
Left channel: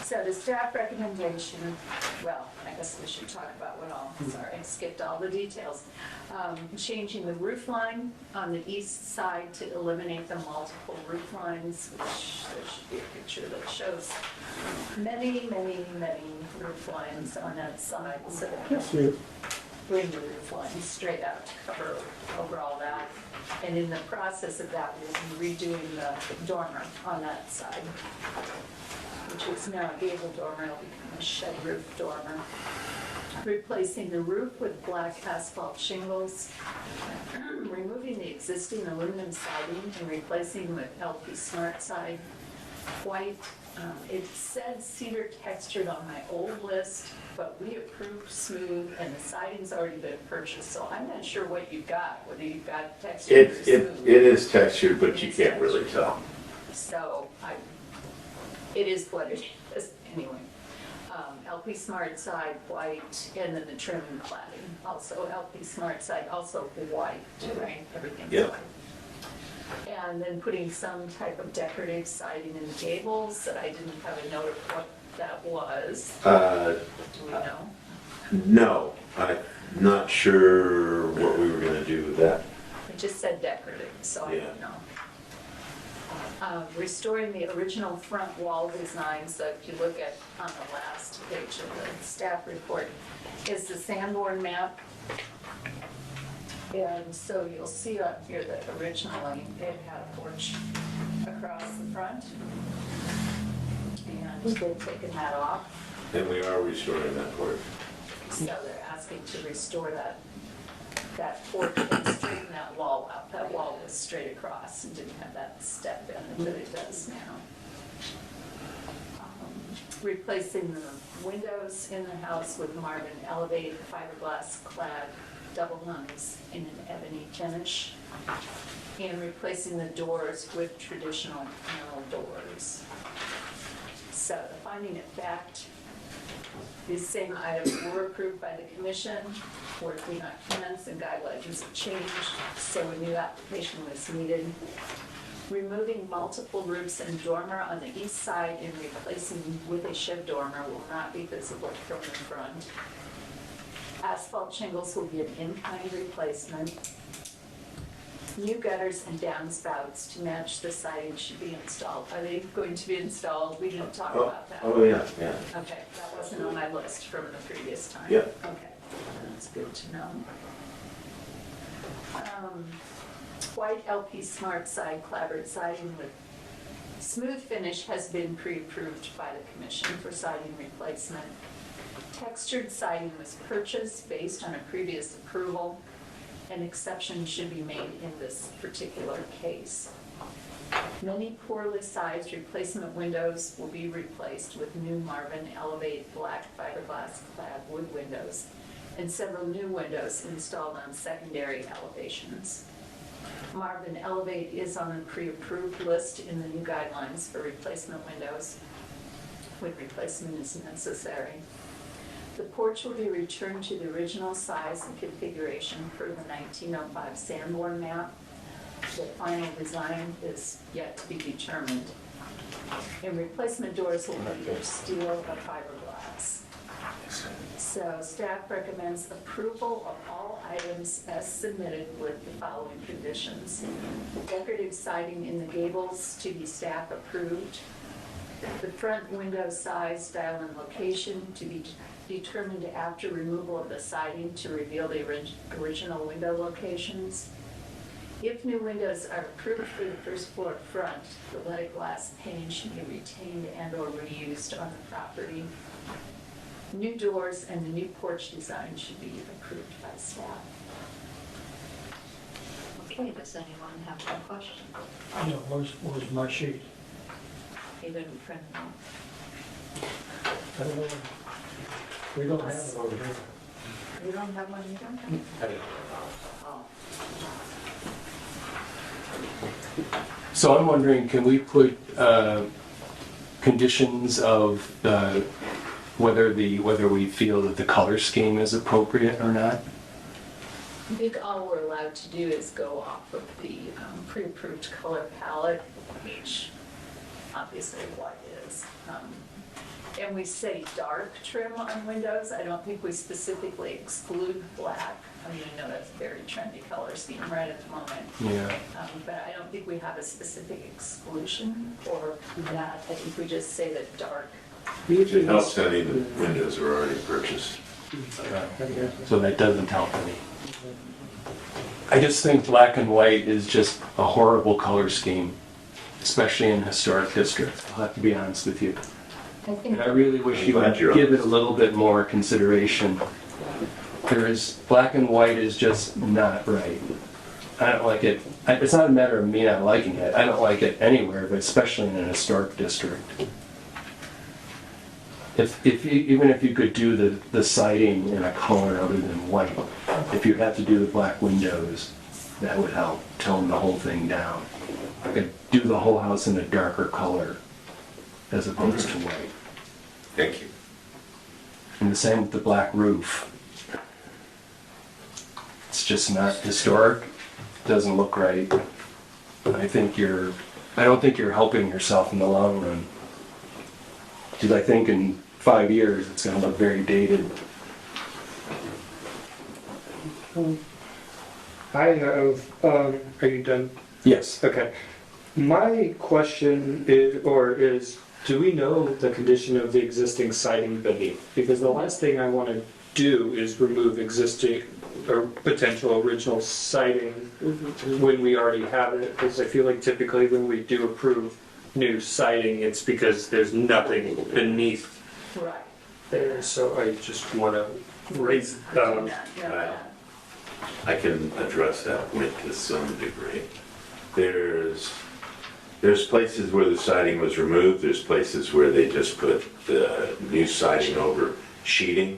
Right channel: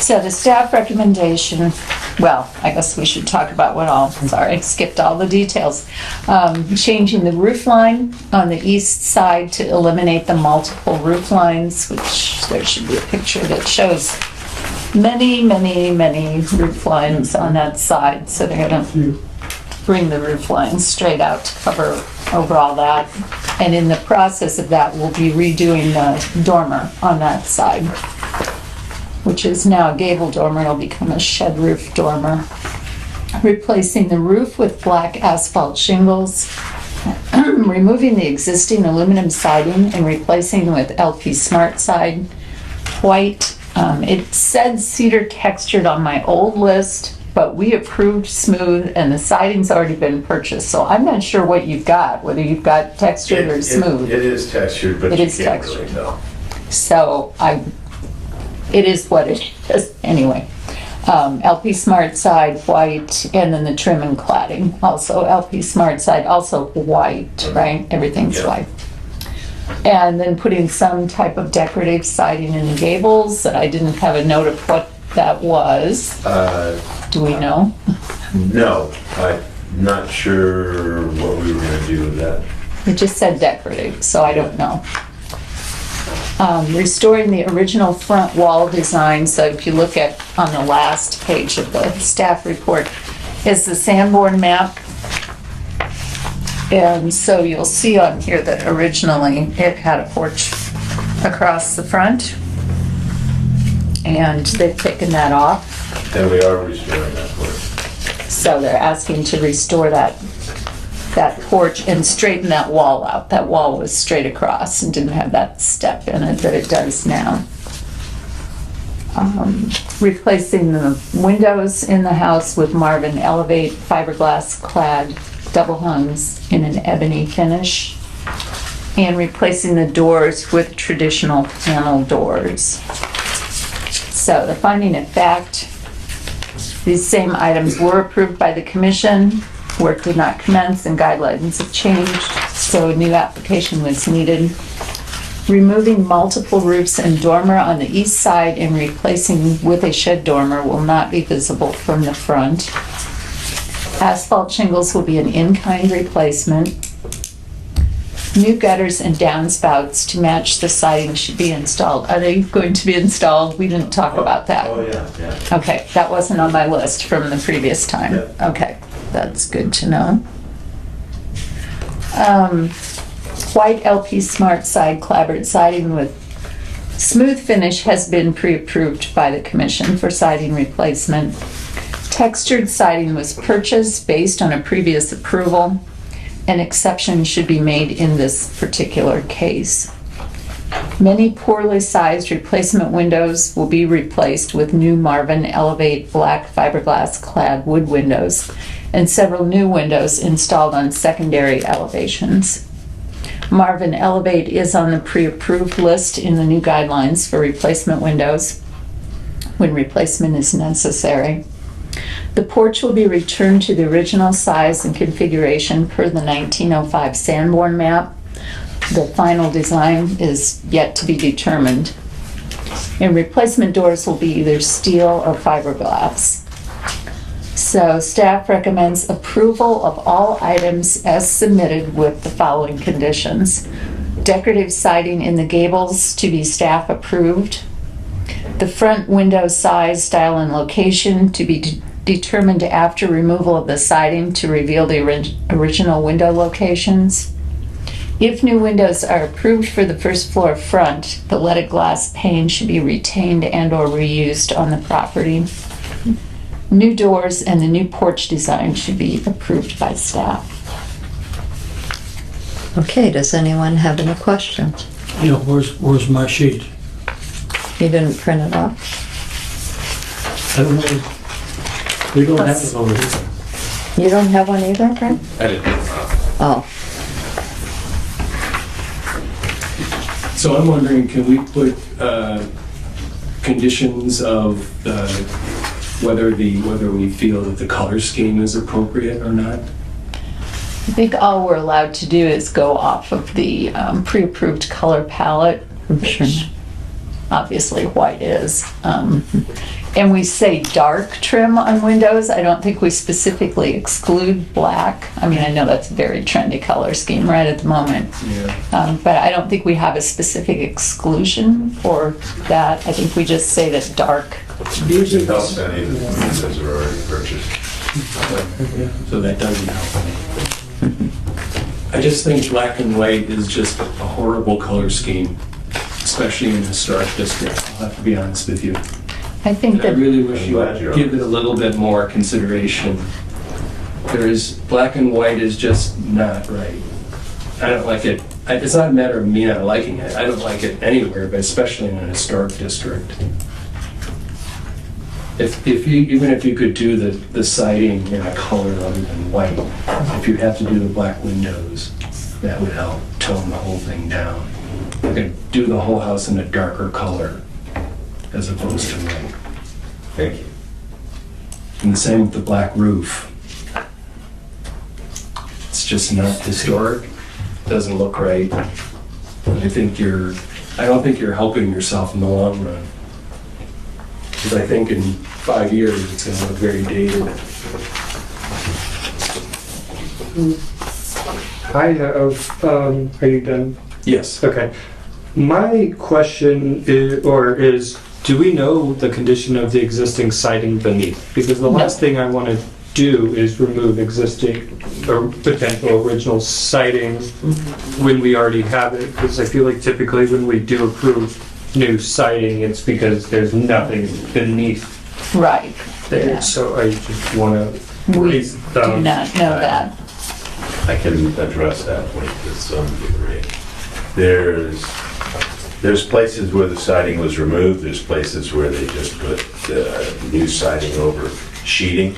So the staff recommendation, well, I guess we should talk about what all, sorry, skipped all the details. Changing the roof line on the east side to eliminate the multiple roof lines, which there should be a picture that shows many, many, many roof lines on that side. So they're gonna bring the roof lines straight out to cover over all that. And in the process of that, we'll be redoing the dormer on that side, which is now a gable dormer. It'll become a shed roof dormer. Replacing the roof with black asphalt shingles, removing the existing aluminum siding and replacing with LP Smart Side white. It said cedar textured on my old list, but we approved smooth and the siding's already been purchased. So I'm not sure what you've got, whether you've got textured or smooth. It is textured, but It you is can't textured. really tell. So it is what it is anyway. LP Smart Side white, and then the trim and cladding also LP Smart Side also white, right? Everything's Yeah. white. And then putting some type of decorative siding in the gables. I didn't have a note of what that was. Do we know? No, I'm not sure what we were gonna do with that. It just said decorative, so I don't know. Restoring the original front wall design. So if you look at on the last page of the staff report is the Sanborn map. And so you'll see on here that originally it had a porch across the front. And they've taken that off. And we are restoring that porch. So they're asking to restore that porch and straighten that wall out. That wall was straight across and didn't have that step in it that it does now. Replacing the windows in the house with Marvin Elevate fiberglass clad double hungs in an ebony finish. And replacing the doors with traditional panel doors. So the finding of fact, these same items were approved by the commission. Work did not commence and guidelines have changed, so a new application was needed. Removing multiple roofs and dormer on the east side and replacing with a shed dormer will not be visible from the front. Asphalt shingles will be an in-kind replacement. New gutters and downspouts to match the siding should be installed. Are they going to be installed? We didn't talk about that. Oh, yeah. Okay, that wasn't on my list from the previous time. Yeah. Okay, that's good to know. White LP Smart Side clapboard siding with smooth finish has been pre-approved by the commission for siding replacement. Textured siding was purchased based on a previous approval. An exception should be made in this particular case. Many poorly sized replacement windows will be replaced with new Marvin Elevate black fiberglass clad wood windows and several new windows installed on secondary elevations. Marvin Elevate is on the pre-approved list in the new guidelines for replacement windows when replacement is necessary. The porch will be returned to the original size and configuration per the 1905 Sanborn map. The final design is yet to be determined. And replacement doors will be either steel or fiberglass. So staff recommends approval of all items as submitted with the following conditions. Decorative siding in the gables to be staff approved. The front window size, style, and location to be determined after removal of the siding to reveal the original window locations. If new windows are approved for the first floor front, the leaded glass pane should be retained and/or reused on the property. New doors and the new porch design should be approved by staff. Okay, does anyone have any questions? You know, where's my sheet? You didn't print it off? I don't know. We don't have it over here. You don't have one either, Brent? I didn't. Oh, So I'm wondering, can we put conditions of whether we feel that the color scheme is appropriate or not? I think all we're allowed to do is go off of the pre-approved color palette, which obviously white is. And we say dark trim on windows. I don't think we specifically exclude black. I mean, I know that's a very trendy color scheme right at the moment. Yeah. But I don't think we have a specific exclusion for that. I think we just say that dark. It helps any of the windows are already purchased. So that doesn't help me. I just think black and white is just a horrible color scheme, especially in the historic district. I'll have to be honest with you. I think And I that really wish I'm you glad would you're give it a little bit more consideration. Black and white is just not right. I don't like it. It's not a matter of me not liking it. I don't like it anywhere, but especially in an historic district. Even if you could do the siding in a color other than white, if you have to do the black windows, that would help tone the whole thing down. I could do the whole house in a darker color as opposed to white. Thank you. And the same with the black roof. It's just not historic, doesn't look right. I don't think you're helping yourself in the long run. Because I think in 5 years, it's gonna look very dated. I have, are you done? Yes. Okay. My question is, do we know the condition of the existing siding beneath? Because the last thing I want to do is remove existing or potential original siding when we already have it. Because I feel like typically when we do approve new siding, it's because there's nothing beneath right. there. Yeah. So I just want to We raise do not know that. I can address that point to some degree. There's places where the siding was removed, there's places where they just put new siding over sheeting,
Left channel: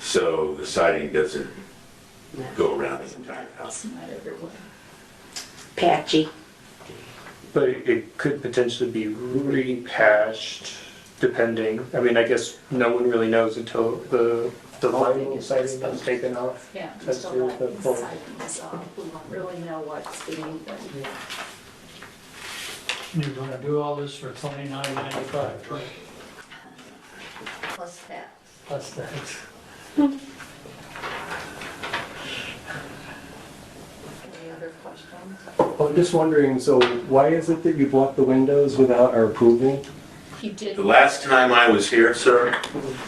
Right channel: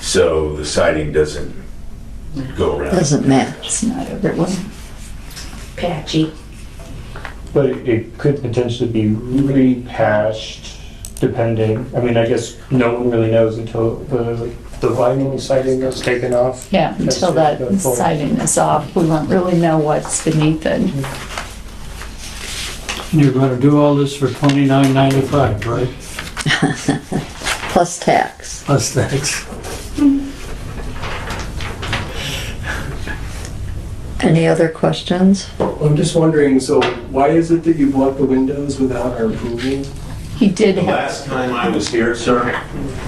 so the siding doesn't go around. doesn't match. It's not everyone. Patchy. But it could potentially be repatched depending, I mean, I guess no one really knows until the vinyl siding is taken off. Yeah, until that That's the- siding is off, we won't really know what's beneath it. You're gonna do all this for $29.95, right? Plus tax. Plus tax. Any other questions? I'm just wondering, so why is it that you bought the windows without our approval? He did The have, last time I was here, sir,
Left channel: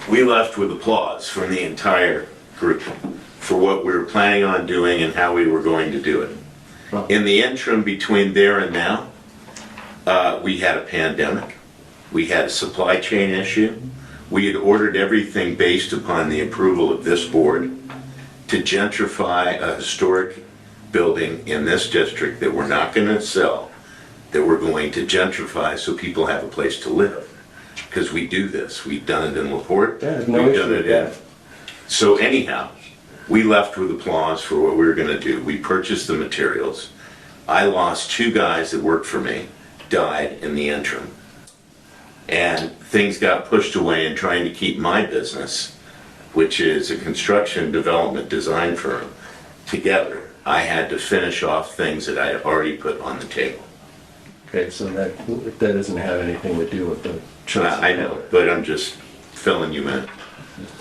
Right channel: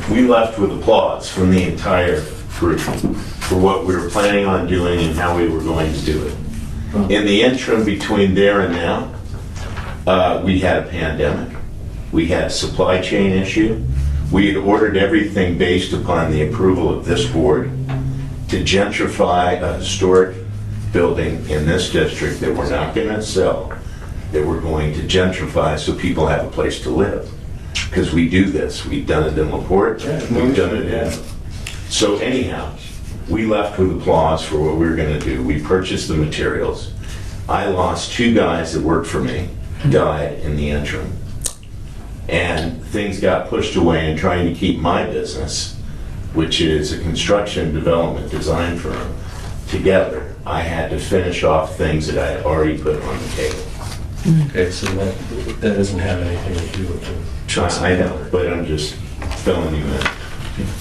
we left with applause from the entire group for what we were planning on doing and how we were going to do it. In the interim between there and now, we had a pandemic. We had a supply chain issue. We had ordered everything based upon the approval of this board to gentrify a historic building in this district that we're not going to sell, that we're going to gentrify so people have a place to live. Because we do this. We've done it in LaPorte. We've done it in... So anyhow, we left with applause for what we were going to do. We purchased the materials. I lost 2 guys that worked for me, died in the interim. And things got pushed away in trying to keep my business, which is a construction development design firm, together. I had to finish off things that I had already put on the table. Okay, so that doesn't have anything to do with the choice. I know, but I'm just filling you in.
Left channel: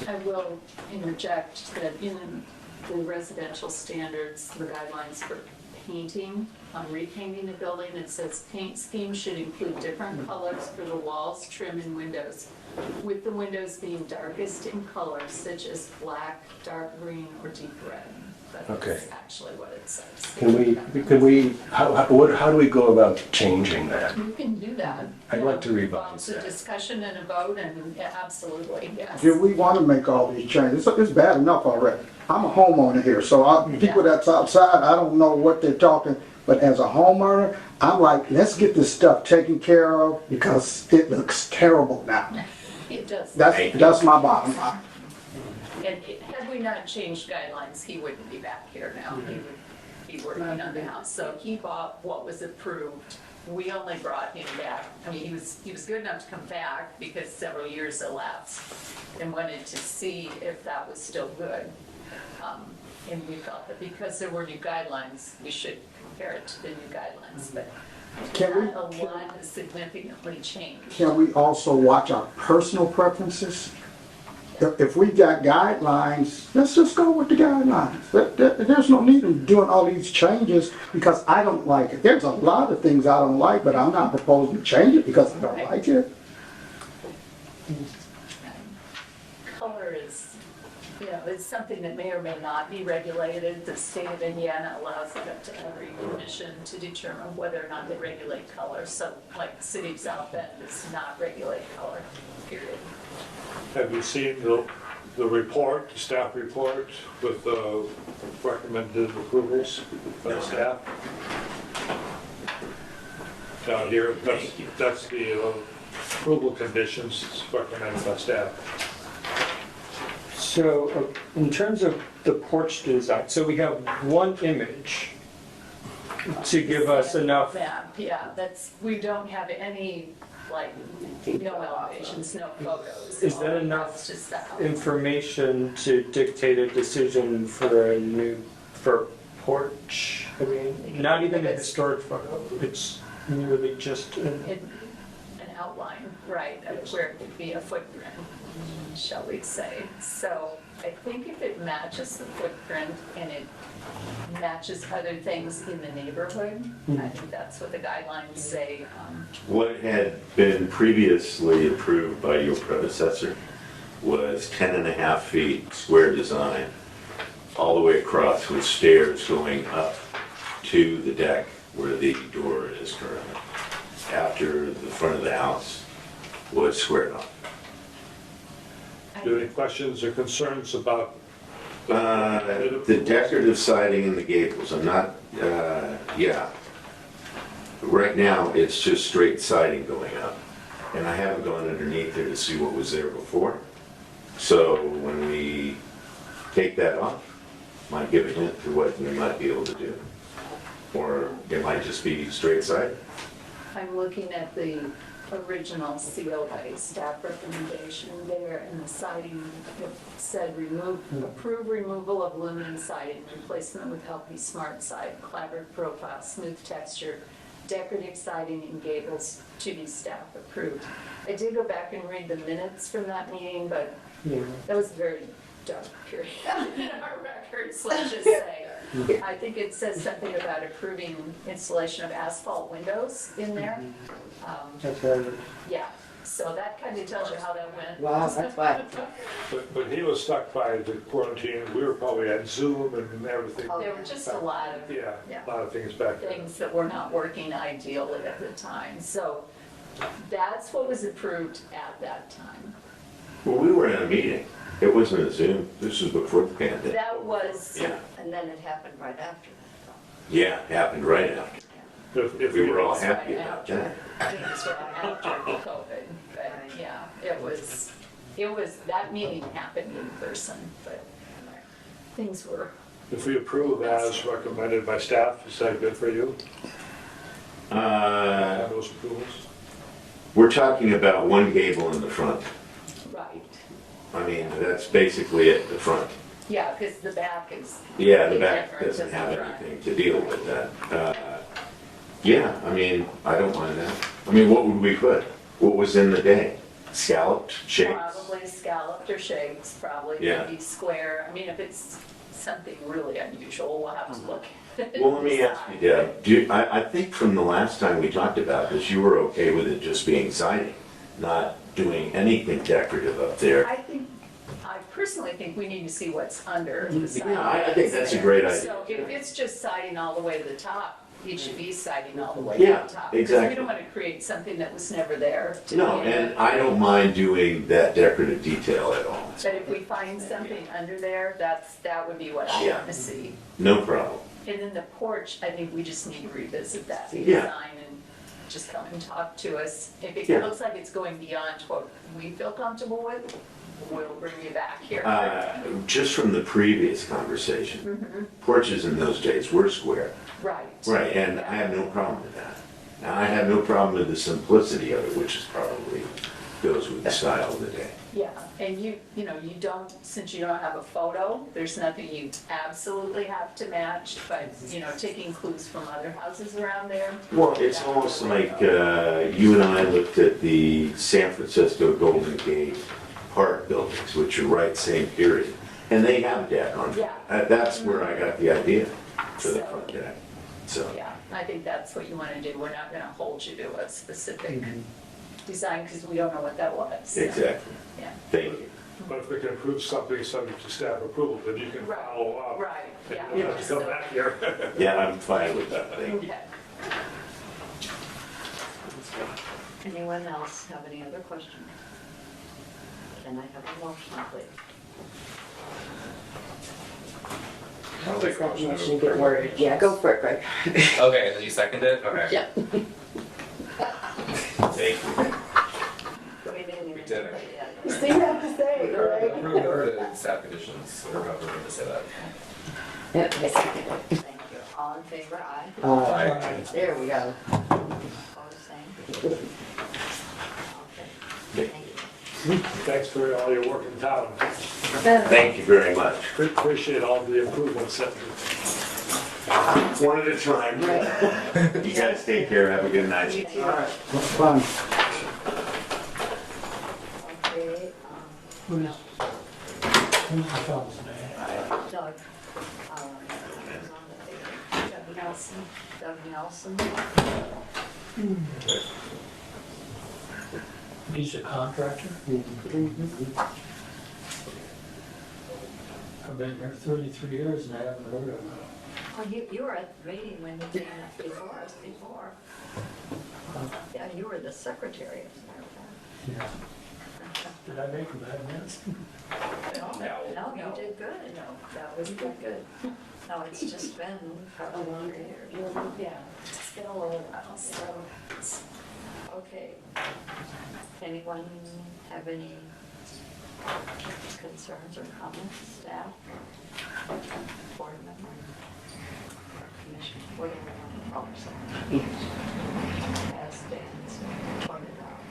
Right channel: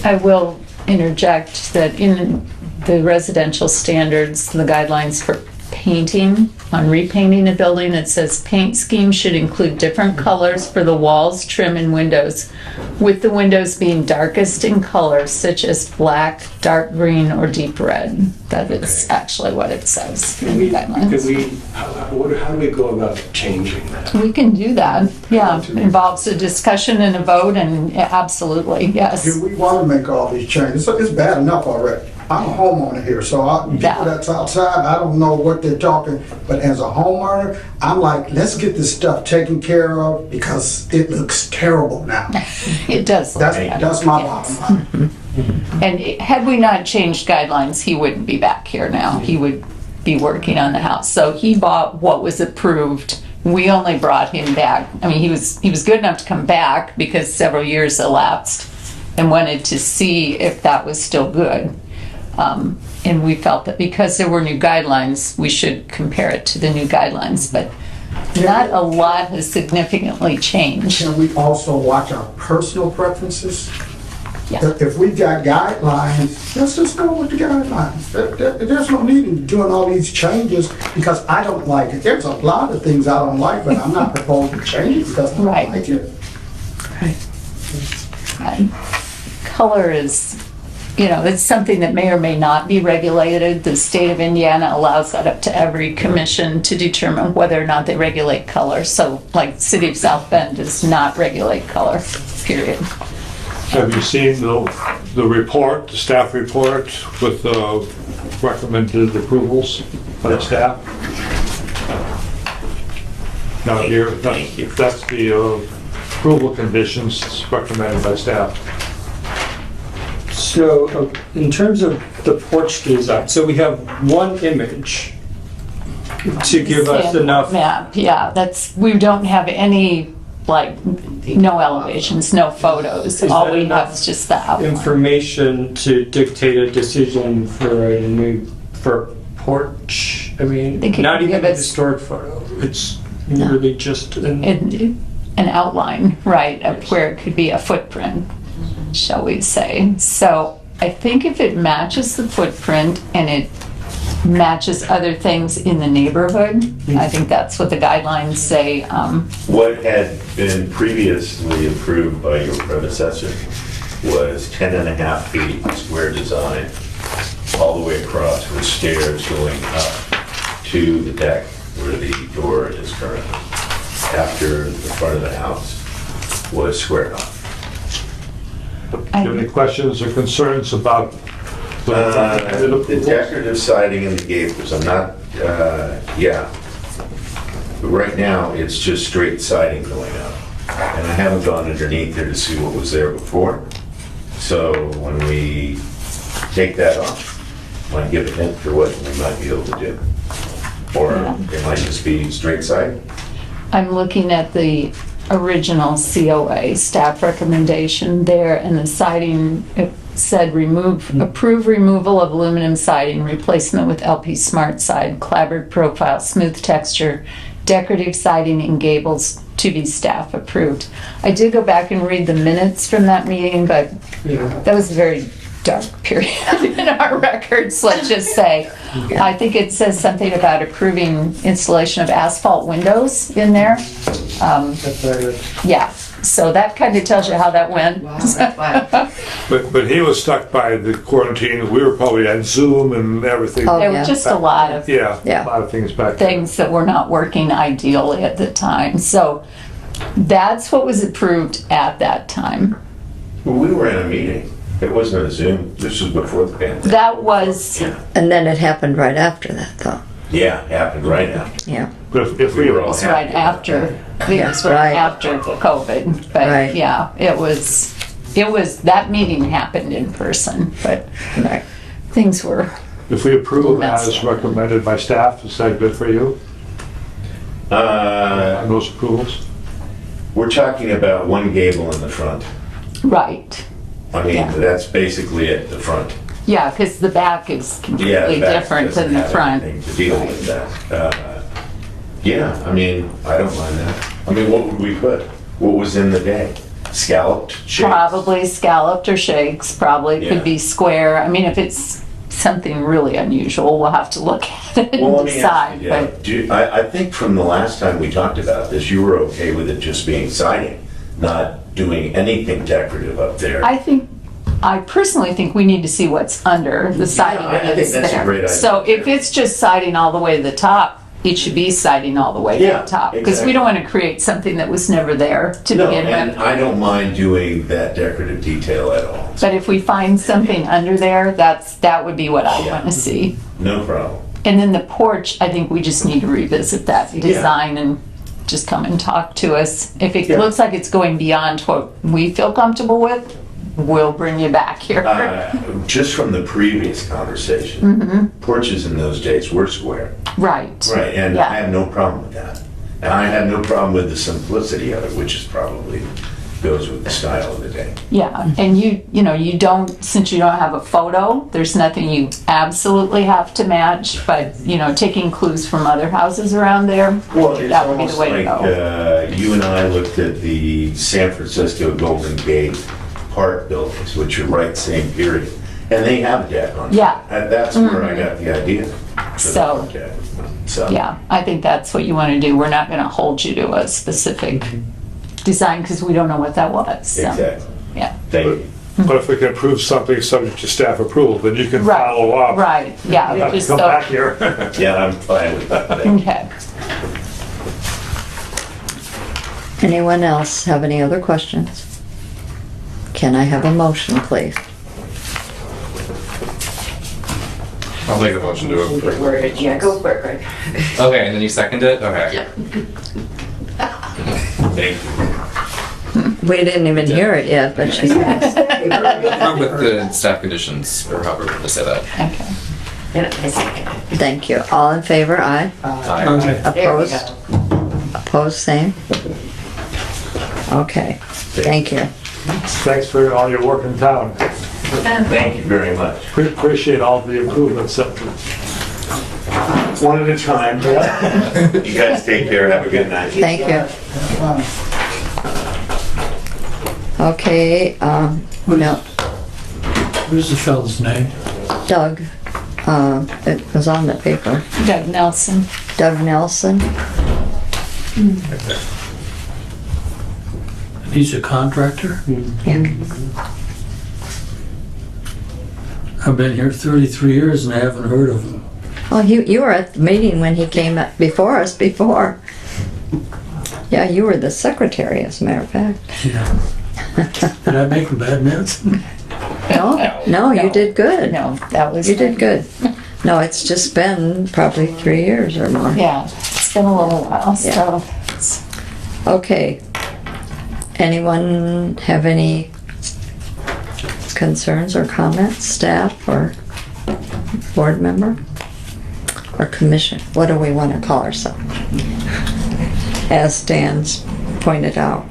I will interject that in the residential standards, the guidelines for painting, on repainting a building, it says paint scheme should include different colors for the walls, trim, and windows, with the windows being darkest in color, such as black, dark green, or deep red. That is actually what it says in the guidelines. How do we go about changing that? We can do that, yeah. Involves a discussion and a vote, and absolutely, yes. If we want to make all these changes, it's bad enough already. I'm a homeowner here, so people that's outside, I don't know what they're talking, but as a homeowner, I'm like, let's get this stuff taken care of because it looks terrible now. It does. That's my bottom line. And had we not changed guidelines, he wouldn't be back here now. He would be working on the house. So he bought what was approved. We only brought him back. I mean, he was good enough to come back because several years elapsed and wanted to see if that was still good. And we felt that because there were new guidelines, we should compare it to the new guidelines, but not a lot has significantly changed. Can we also watch our personal preferences? Yeah. If we got guidelines, let's just go with the guidelines. There's no need in doing all these changes because I don't like it. There's a lot of things I don't like, but I'm not proposing to change it because I don't like it. Right. Color is, it's something that may or may not be regulated. The state of Indiana allows that up to every commission to determine whether or not they regulate color. So like City of South Bend does not regulate color, period. Have you seen the report, the staff report with the recommended approvals by staff? Now here, that's the approval conditions recommended by staff. So in terms of the porch design, so we have one image to give us enough. Map, yeah, we don't have any, no elevations, no photos. All we have is just the outline. Information to dictate a decision for porch. I mean, not even a historic photo. It's really just an outline, right, of where it could be a footprint, shall we say. So I think if it matches the footprint and it matches other things in the neighborhood, I think that's what the guidelines say. What had been previously approved by your predecessor was 10.5 feet square design all the way across with stairs going up to the deck where the door is currently. After the front of the house was squared off. Do you have any questions or concerns about the decorative siding and the gables? I'm not, Right now, it's just straight siding going up. And I haven't gone underneath there to see what was there before. So when we take that off, might give a hint for what we might be able to do. Or it might just be straight siding. I'm looking at the original COA staff recommendation there, and the siding, it said approve removal of aluminum siding, replacement with LP Smart Side, clapboard profile, smooth texture, decorative siding and gables to be staff approved. I did go back and read the minutes from that meeting, but that was a very dark period in our records, let's just say. I think it says something about approving installation of asphalt windows in there. Yeah, so that kind of tells you how that went. But he was stuck by the quarantine. We were probably on Zoom and everything. There were just a lot of a lot of things back there. things that were not working ideally at the time. So that's what was approved at that time. Well, we were in a meeting. It wasn't a Zoom. This was before the pandemic. That was... And then it happened right after that, though. Yeah, it happened right after. Yeah. But if we were all right after, after COVID. But yeah, it was, that meeting happened in person, but things were... If we approve as recommended by staff, is that good for you? Those approvals? We're talking about one gable in the front. Right. I mean, that's basically it, the front. Yeah, because the back is Yeah, completely the back different doesn't than the have front. anything to deal with that. Yeah, I mean, I don't mind that. I mean, what would we put? What was in the day? Scalloped shapes? Probably scalloped or shakes, probably Yeah. could be square. I mean, if it's something really unusual, we'll have to look at it Well, let and me ask decide. you, Deb, But I think from the last time we talked about this, you were okay with it just being siding, not doing anything decorative up there. I personally think we need to see what's under the siding I think that's that's a there. great idea. So if it's just siding all the way to the top, it should be siding all the way to Yeah, the top. Because exactly. we don't want to create something that was never there to No, begin and with. I don't mind doing that decorative detail at all. But if we find something under there, that would be what I want to see. No problem. And then the porch, I think we just need to revisit that design and just come and talk to us. If it looks like it's going beyond what we feel comfortable with, we'll bring you back here. Just from the previous conversation, porches in those days were square. Right. Right, and Yeah. I have no problem with that. And I have no problem with the simplicity of it, which is probably goes with the style of the day. Yeah, and you don't, since you don't have a photo, there's nothing you absolutely have to match, but, taking clues from other houses around there, Well, it's that would be almost the way to like go. you and I looked at the San Francisco Golden Gate Park buildings, which are right same period, and they have a deck on. Yeah. That's where I got the idea. for the So- park deck. So. Yeah, I think that's what you want to do. We're not going to hold you to a specific design because we don't know what that was. So, Exactly. Yeah. Thank you. But if we can approve something subject to staff approval, then you can follow up. Right, yeah. Not to just come so- back here. Yeah, I'm fine with that. Thank you. Okay. Anyone else have any other questions? Can I have a motion, please? I'll make a motion to approve. Worded, yeah, go for it, Greg. Okay, and then you second it? Okay. Yeah. Thank you. We didn't even hear it yet, but she Approve with the staff conditions, or however to say that. Okay. Yeah, I second. Thank you. All in favor, aye? Aye. There we Opposed? go. Opposed, same? Okay, thank you. Thanks for all your work in town. Thank you very much. We appreciate all the improvements. One at a time. You guys take care. Have a good night. Thank you. Okay, no, Who's the fellow's name? Doug, it was on the paper. Doug Nelson. Doug Nelson. He's a contractor? Yeah. I've been here 33 years and I haven't heard of him. Well, you were at the meeting when he came up before us before. Yeah, you were the secretary, as a matter of fact. Yeah. Did I make a bad mess? No, you did good. No, that was. You did good. No, it's just been probably 3 years or more. Yeah, it's been a little while, so. Okay. Anyone have any concerns or comments, staff or board member? Or commission? What do we want to call ourselves? As Dan's pointed out.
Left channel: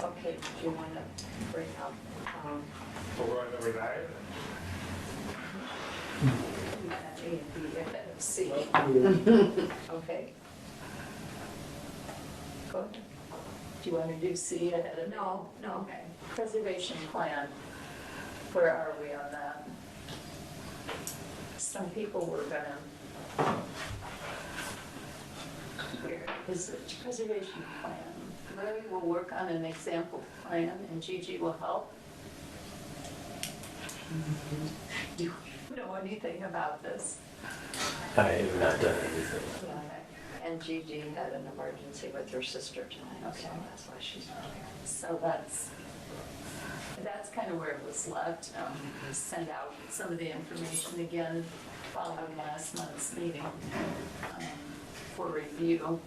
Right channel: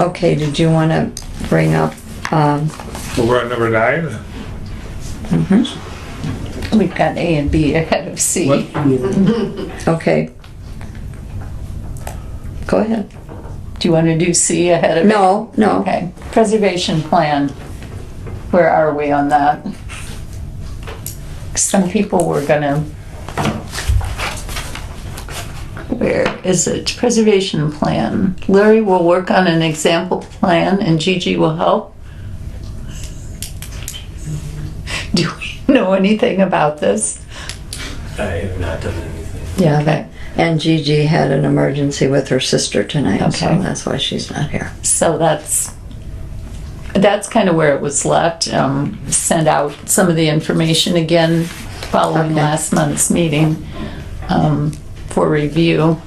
Okay, did you want to bring up, Well, we're on number 9. We've got A and B ahead of C. okay. Go ahead. Do you want to do C ahead of? No, no. Okay. Preservation plan. Where are we on that? Some people were gonna. Where is it? Preservation plan. Larry will work on an example plan and Gigi will help. Do we know anything about this? I have not done anything. Yeah, and Gigi had an emergency with her sister tonight, so Okay. that's why she's not here. So that's kind of where it was left. Send out some of the information again following Okay. last month's meeting for review.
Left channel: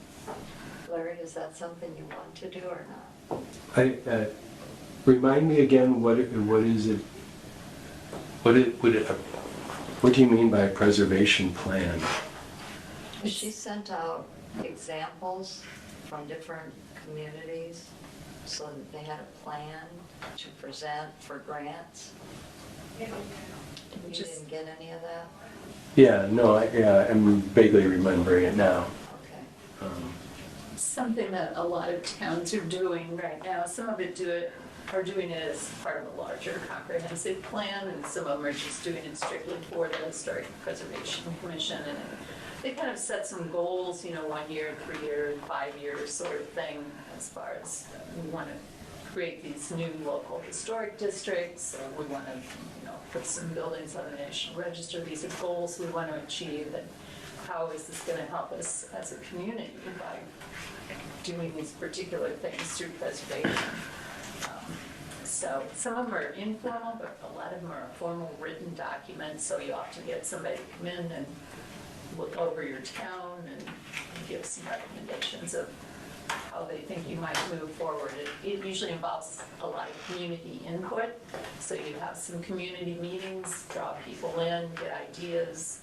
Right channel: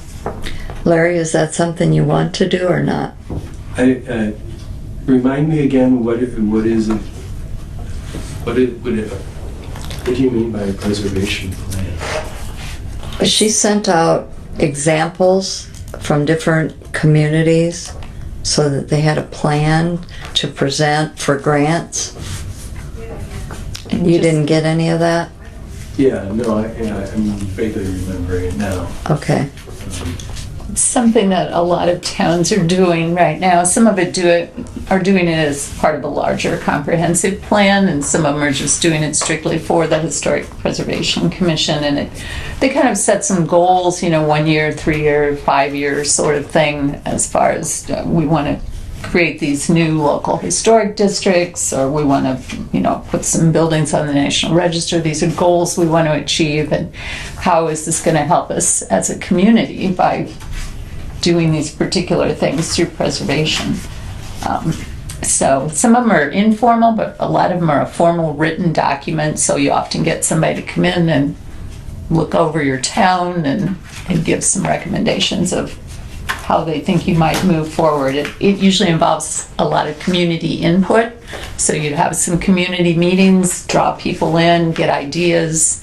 Larry, is that something you want to do or not? Remind me again, what is it? What do you mean by a preservation plan? She sent out examples from different communities so that they had a plan to present for grants. You didn't get any of that? Yeah, no, I'm vaguely remembering it now. Okay. It's something that a lot of towns are doing right now. Some of it are doing it as part of a larger comprehensive plan, and some of them are just doing it strictly for the Historic Preservation Commission. And they kind of set some goals, 1 year, 3 year, 5 year sort of thing, as far as we want to create these new local historic districts, or we want to, put some buildings on the National Register. These are goals we want to achieve, and how is this going to help us as a community by doing these particular things through preservation. So some of them are informal, but a lot of them are a formal written document, so you often get somebody to come in and look over your town and give some recommendations of how they think you might move forward. It usually involves a lot of community input, so you'd have some community meetings, draw people in, get ideas,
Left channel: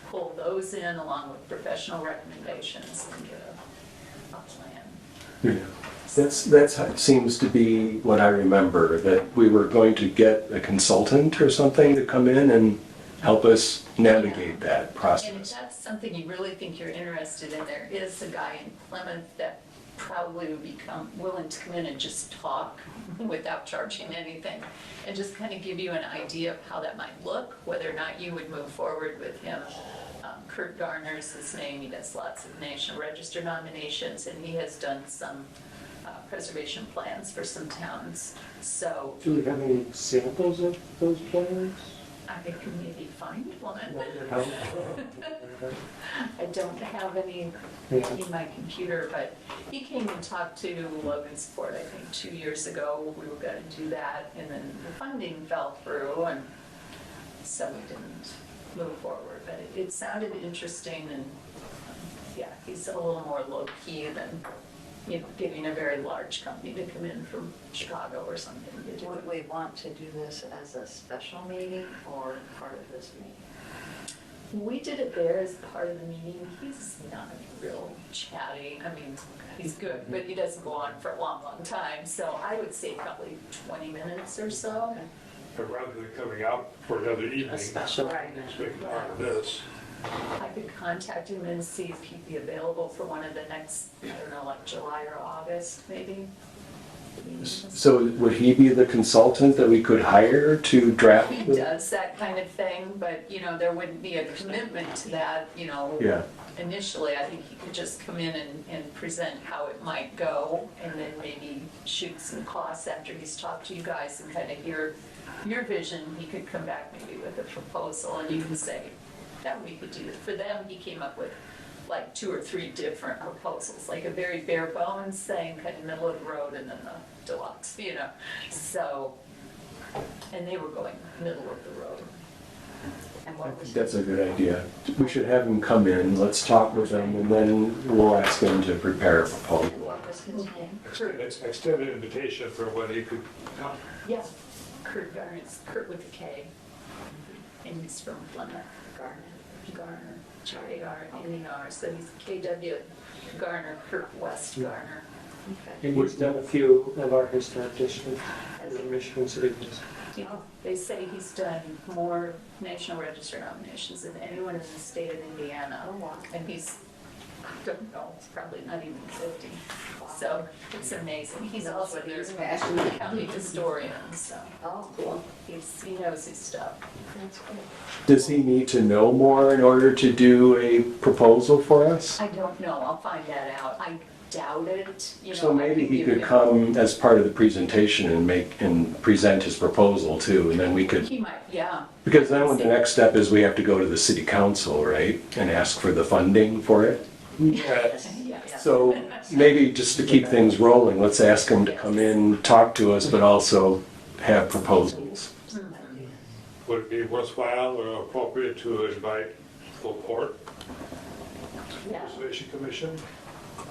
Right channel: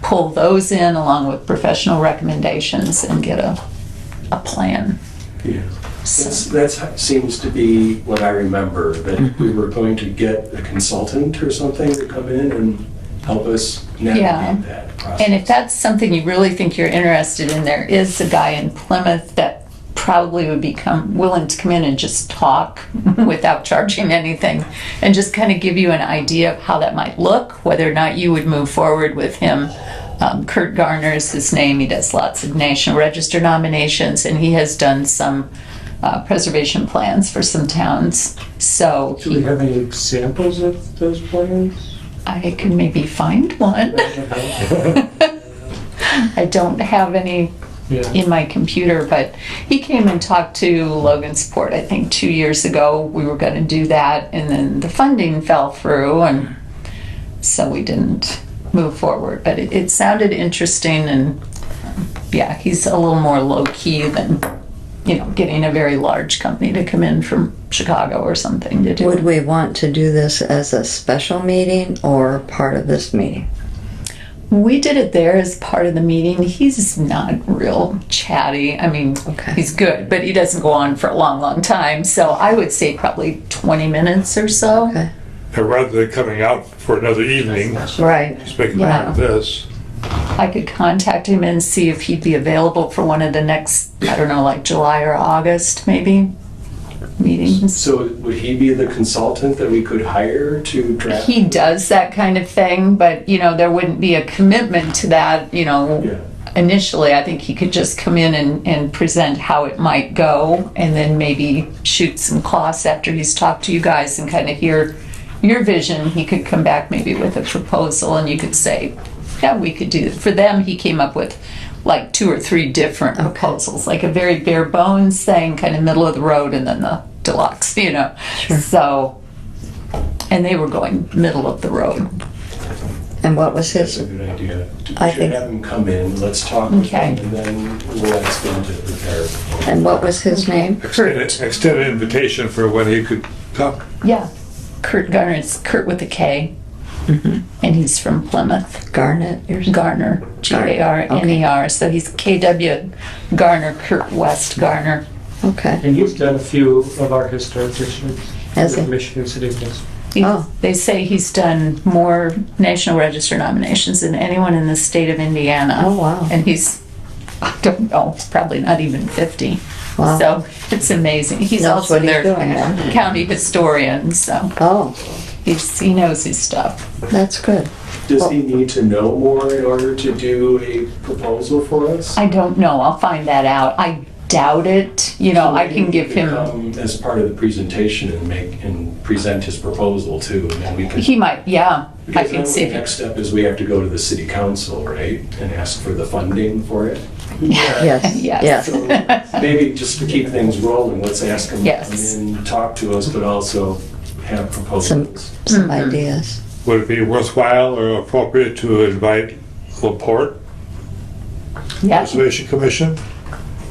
pull those in along with professional recommendations, and get a plan. Yeah. That seems to be what I remember, that we were going to get a consultant or something to come in and help us navigate that process. And if that's something you really think you're interested in, there is a guy in Plymouth that probably would become willing to come in and just talk without charging anything, and just kind of give you an idea of how that might look, whether or not you would move forward with him. Kurt Garner is his name. He does lots of National Register nominations, and he has done some preservation plans for some towns. So Do we have any examples of those plans? I can maybe find one. I don't have any in my computer, but he came and talked to Logansport, I think 2 years ago. We were going to do that, and then the funding fell through, and so we didn't move forward. But it sounded interesting, and yeah, he's a little more low-key than getting a very large company to come in from Chicago or something to do. Would we want to do this as a special meeting or part of this meeting? We did it there as part of the meeting. He's not real chatty. I mean, he's good, but he doesn't go on for a long, long time. So I would say probably 20 minutes or so. Okay. And rather than coming out for another evening, Right. he's making part of this. I could contact him and see if he'd be available for one of the next, I don't know, like July or August maybe, meetings. So would he be the consultant that we could hire to draft? He does that kind of thing, but there wouldn't be a commitment to that, Initially. I think he could just come in and present how it might go, and then maybe shoot some costs after he's talked to you guys and kind of hear your vision. He could come back maybe with a proposal, and you could say, yeah, we could do it. For them, he came up with like 2 or 3 different proposals, like a very bare bones thing, kind of middle of the road, and then the deluxe, Sure. So, and they were going middle of the road. And what was That's his? a good idea. We I should think- have him come in, let's talk with him, and then we'll ask him to prepare a proposal. And what was his name? Extend an invitation for when he could come. Yeah, Kurt Garner. It's Kurt with a K, and he's from Plymouth. Garnet? Garner, Garner. So he's KW Garner, Kurt West Garner. Okay. And he's done a few of our historic districts. Has he? Michigan City Hills. They say he's done more National Register nominations than anyone in the state of Indiana. Oh, wow. And he's, I don't know, probably not even 50. Wow. So it's amazing. He's Knows also what he's their doing then. county historian, so Oh, he knows his stuff. that's good. Does he need to know more in order to do a proposal for us? I don't know. I'll find that out. I doubt it. So I maybe can he give could him. come as part of the presentation and present his proposal too, and then we can. He might, yeah. I Because can then see the if next step is we have to go to the city council, right, and ask for the funding for it. Yes. Yes. Yes. So maybe just to keep things rolling, let's ask him to Yes. come in, talk to us, but also have proposals. Some ideas. Would it be worthwhile or appropriate to invite LaPorte Yeah. Preservation Commission?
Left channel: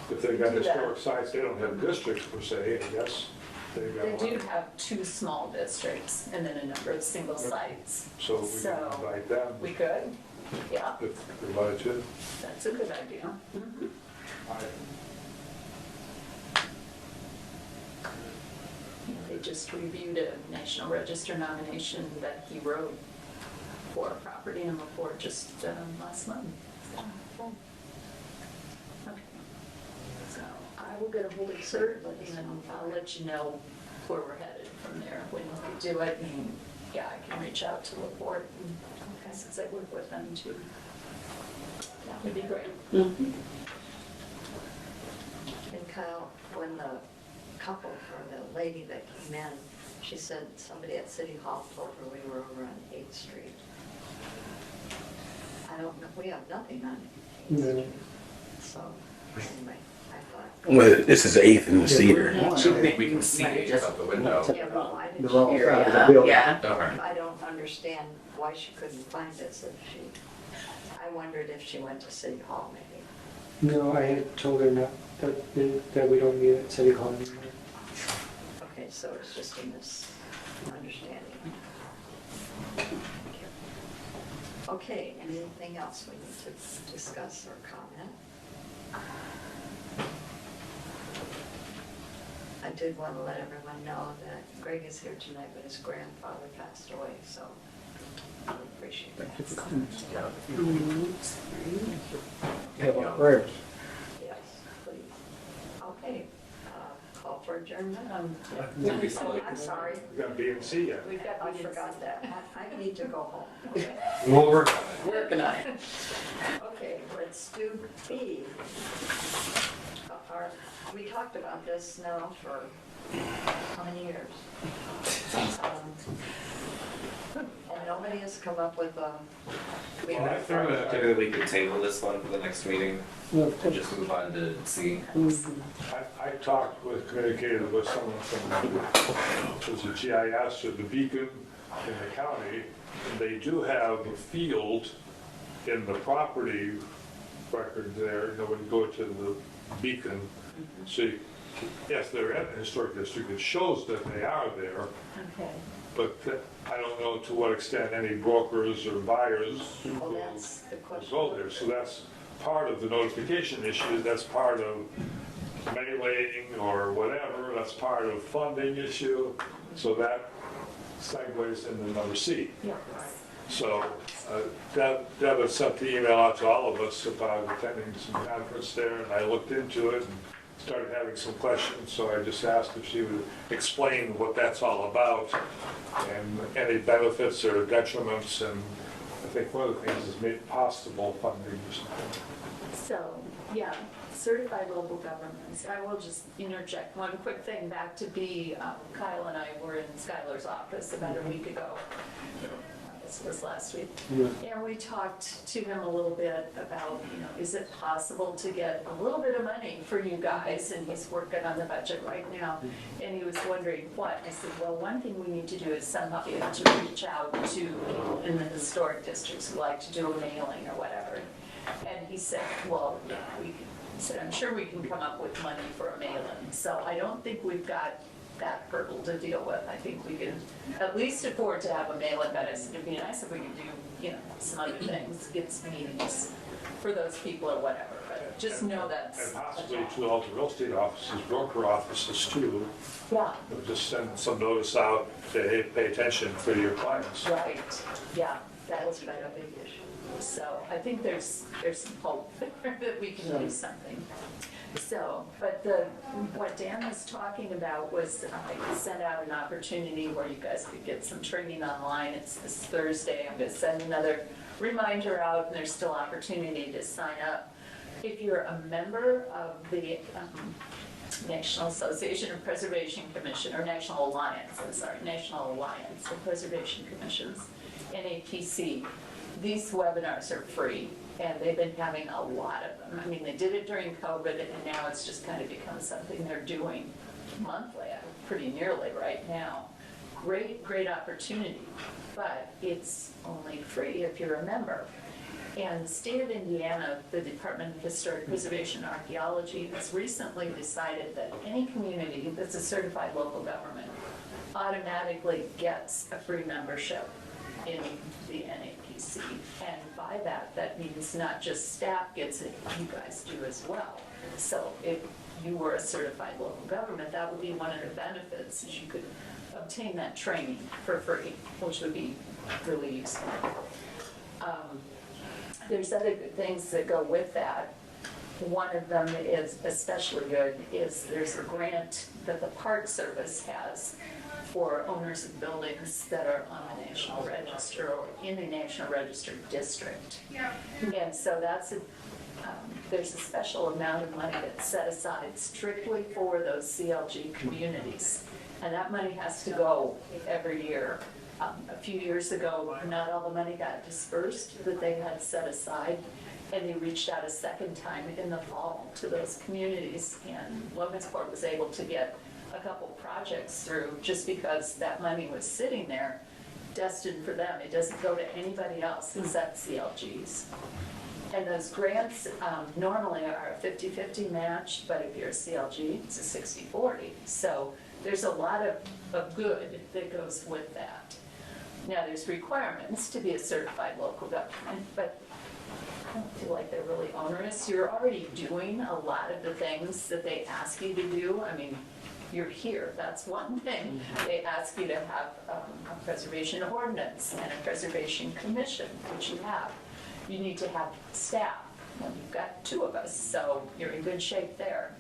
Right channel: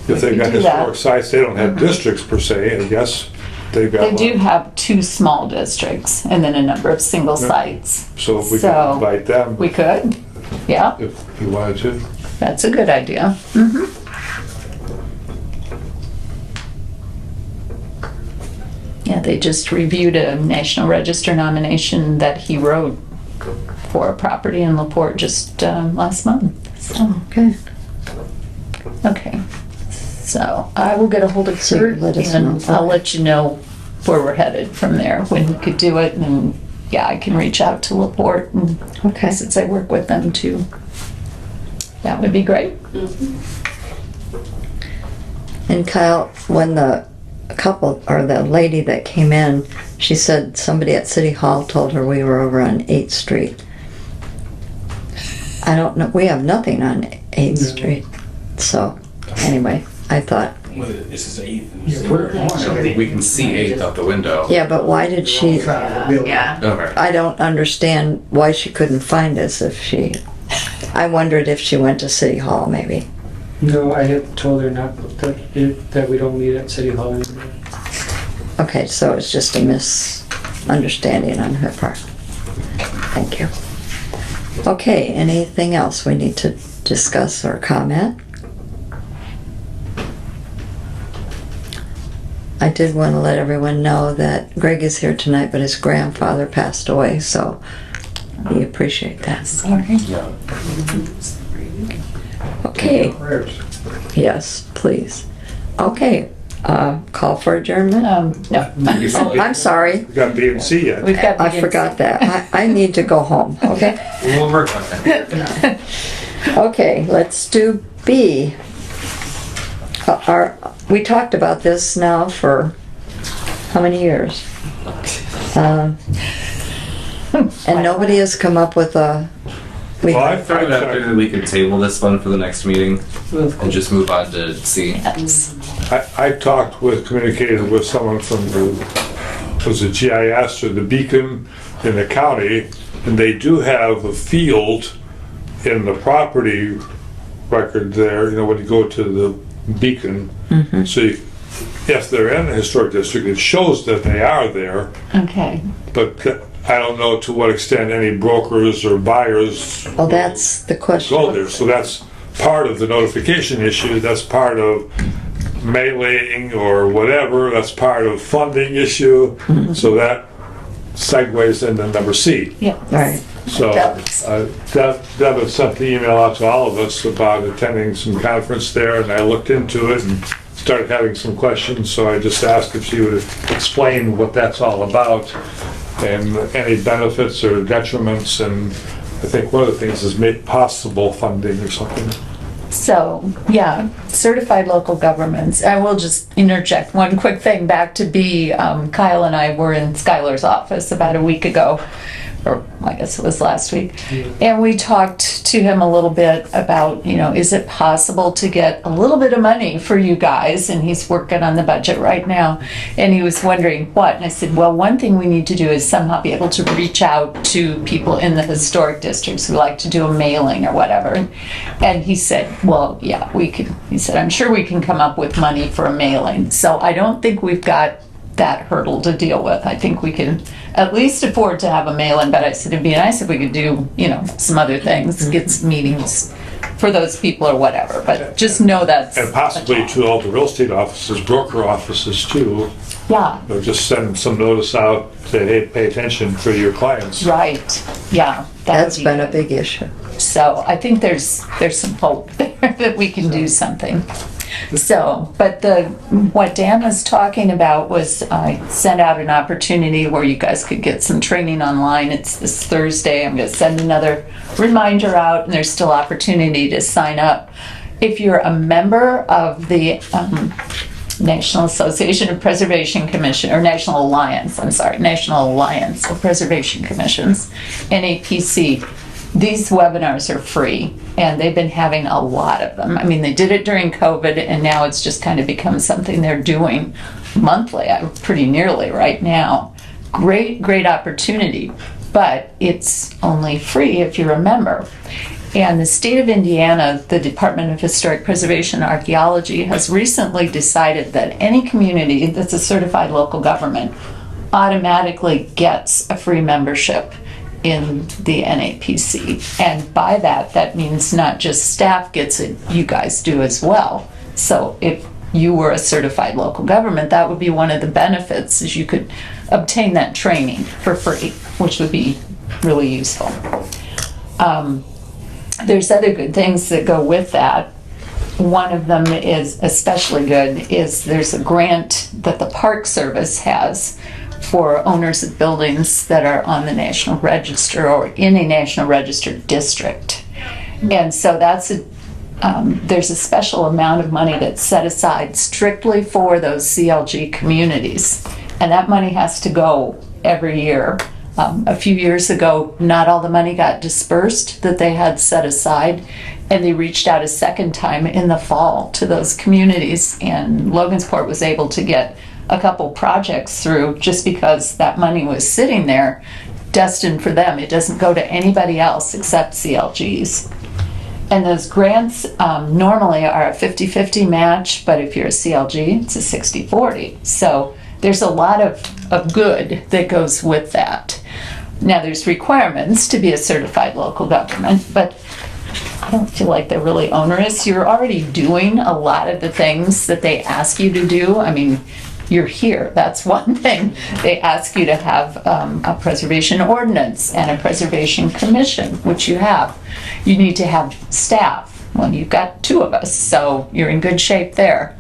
If they've could got do that. historic sites, they don't have districts per se, I guess. They've got They one. do have 2 small districts and then a number of single sites. So if we could So, invite them, We could. Yeah, if we wanted to. that's a good idea. Yeah, they just reviewed a National Register nomination that he wrote for a property in LaPorte just last month. So, Okay. okay. So I will get a hold of So Kurt let us and know. I'll let you know where we're headed from there, when he could do it. And yeah, I can reach out to LaPorte, and Okay. since I work with them too. That would be great. And Kyle, when the couple, or the lady that came in, she said somebody at City Hall told her we were over on 8th Street. I don't know, we have nothing on 8th Street. So, anyway, I thought, Well, this is 8th and Cedar. We can see 8th out the window. yeah, but why did she, Yeah. Okay. I don't understand why she couldn't find us if she, I wondered if she went to City Hall maybe. No, I had told her not, that we don't meet at City Hall anymore. Okay, so it's just a misunderstanding on her part. Thank you. Okay, anything else we need to discuss or comment? I did want to let everyone know that Greg is here tonight, but his grandfather passed away, so we appreciate that. Sorry. Okay, yes, please. Okay, call for adjournment? No. Oh, I'm sorry. We got B and C yet. We've got. I forgot that. I need to go home, okay? We'll work on that. Okay, let's do B. We talked about this now for how many years? And nobody has come up with a... Well, I Throw it out there that we could table this one for the next meeting and just move on to C. I talked with, communicated with someone from the, was it GIS or the Beacon in the county, and they do have a field in the property record there, you know, when you go to the Beacon. So if they're in the historic district, it shows that they are there, Okay. but I don't know to what extent any brokers or buyers Oh, that's the question. go there. So that's part of the notification issue, that's part of mailing or whatever, that's part of funding issue. So that segues into number C. Yeah. Right. So Deb had sent the email out to all of us about attending some conference there, and I looked into it and started having some questions, so I just asked if she would explain what that's all about and any benefits or detriments, and I think one of the things is make possible funding or something. So, yeah, certified local governments. I will just interject one quick thing back to B. Kyle and I were in Skylar's office about a week ago, or I guess it was last week. And we talked to him a little bit about, you know, is it possible to get a little bit of money for you guys? And he's working on the budget right now. And he was wondering what? And I said, well, one thing we need to do is somehow be able to reach out to people in the historic districts who like to do a mailing or whatever. And he said, well, yeah, we could. He said, I'm sure we can come up with money for a mailing. So I don't think we've got that hurdle to deal with. I think we can at least afford to have a mail-in, but I said it'd be nice if we could do, you know, some other things, get some meetings for those people or whatever, but just know that's... And possibly to all the real estate offices, broker offices too. Yeah. Or just send some notice out, say, hey, pay attention for your clients. Right, yeah. That's been a big issue. So I think there's some hope there that we can do something. So, but what Dan was talking about was I sent out an opportunity where you guys could get some training online. It's this Thursday. I'm going to send another reminder out, and there's still opportunity to sign up. If you're a member of the National Association of Preservation Commission, or National Alliance of Preservation Commissions, NAPC, these webinars are free, and they've been having a lot of them. I mean, they did it during COVID, and now it's just kind of become something they're doing monthly, pretty nearly right now. Great opportunity, but it's only free if you're a member. And the state of Indiana, the Department of Historic Preservation and Archaeology, has recently decided that any community that's a certified local government automatically gets a free membership in the NAPC. And by that means not just staff gets it, you guys do as well. So if you were a certified local government, that would be one of the benefits, is you could obtain that training for free, which would be really useful. There's other good things that go with that. One of them is especially good is there's a grant that the Park Service has for owners of buildings that are on the National Register or in a National Register district. And so there's a special amount of money that's set aside strictly for those CLG communities. And that money has to go every year. A few years ago, not all the money got dispersed that they had set aside, and they reached out a second time in the fall to those communities, and Logansport was able to get a couple projects through just because that money was sitting there destined for them. It doesn't go to anybody else except CLGs. And those grants normally are a 50-50 match, but if you're a CLG, it's a 60-40. So there's a lot of good that goes with that. Now, there's requirements to be a certified local government, but I don't feel like they're really onerous. You're already doing a lot of the things that they ask you to do. I mean, you're here, that's one thing. They ask you to have a preservation ordinance and a preservation commission, which you have. You need to have staff. Well, you've got 2 of us, so you're in good shape there.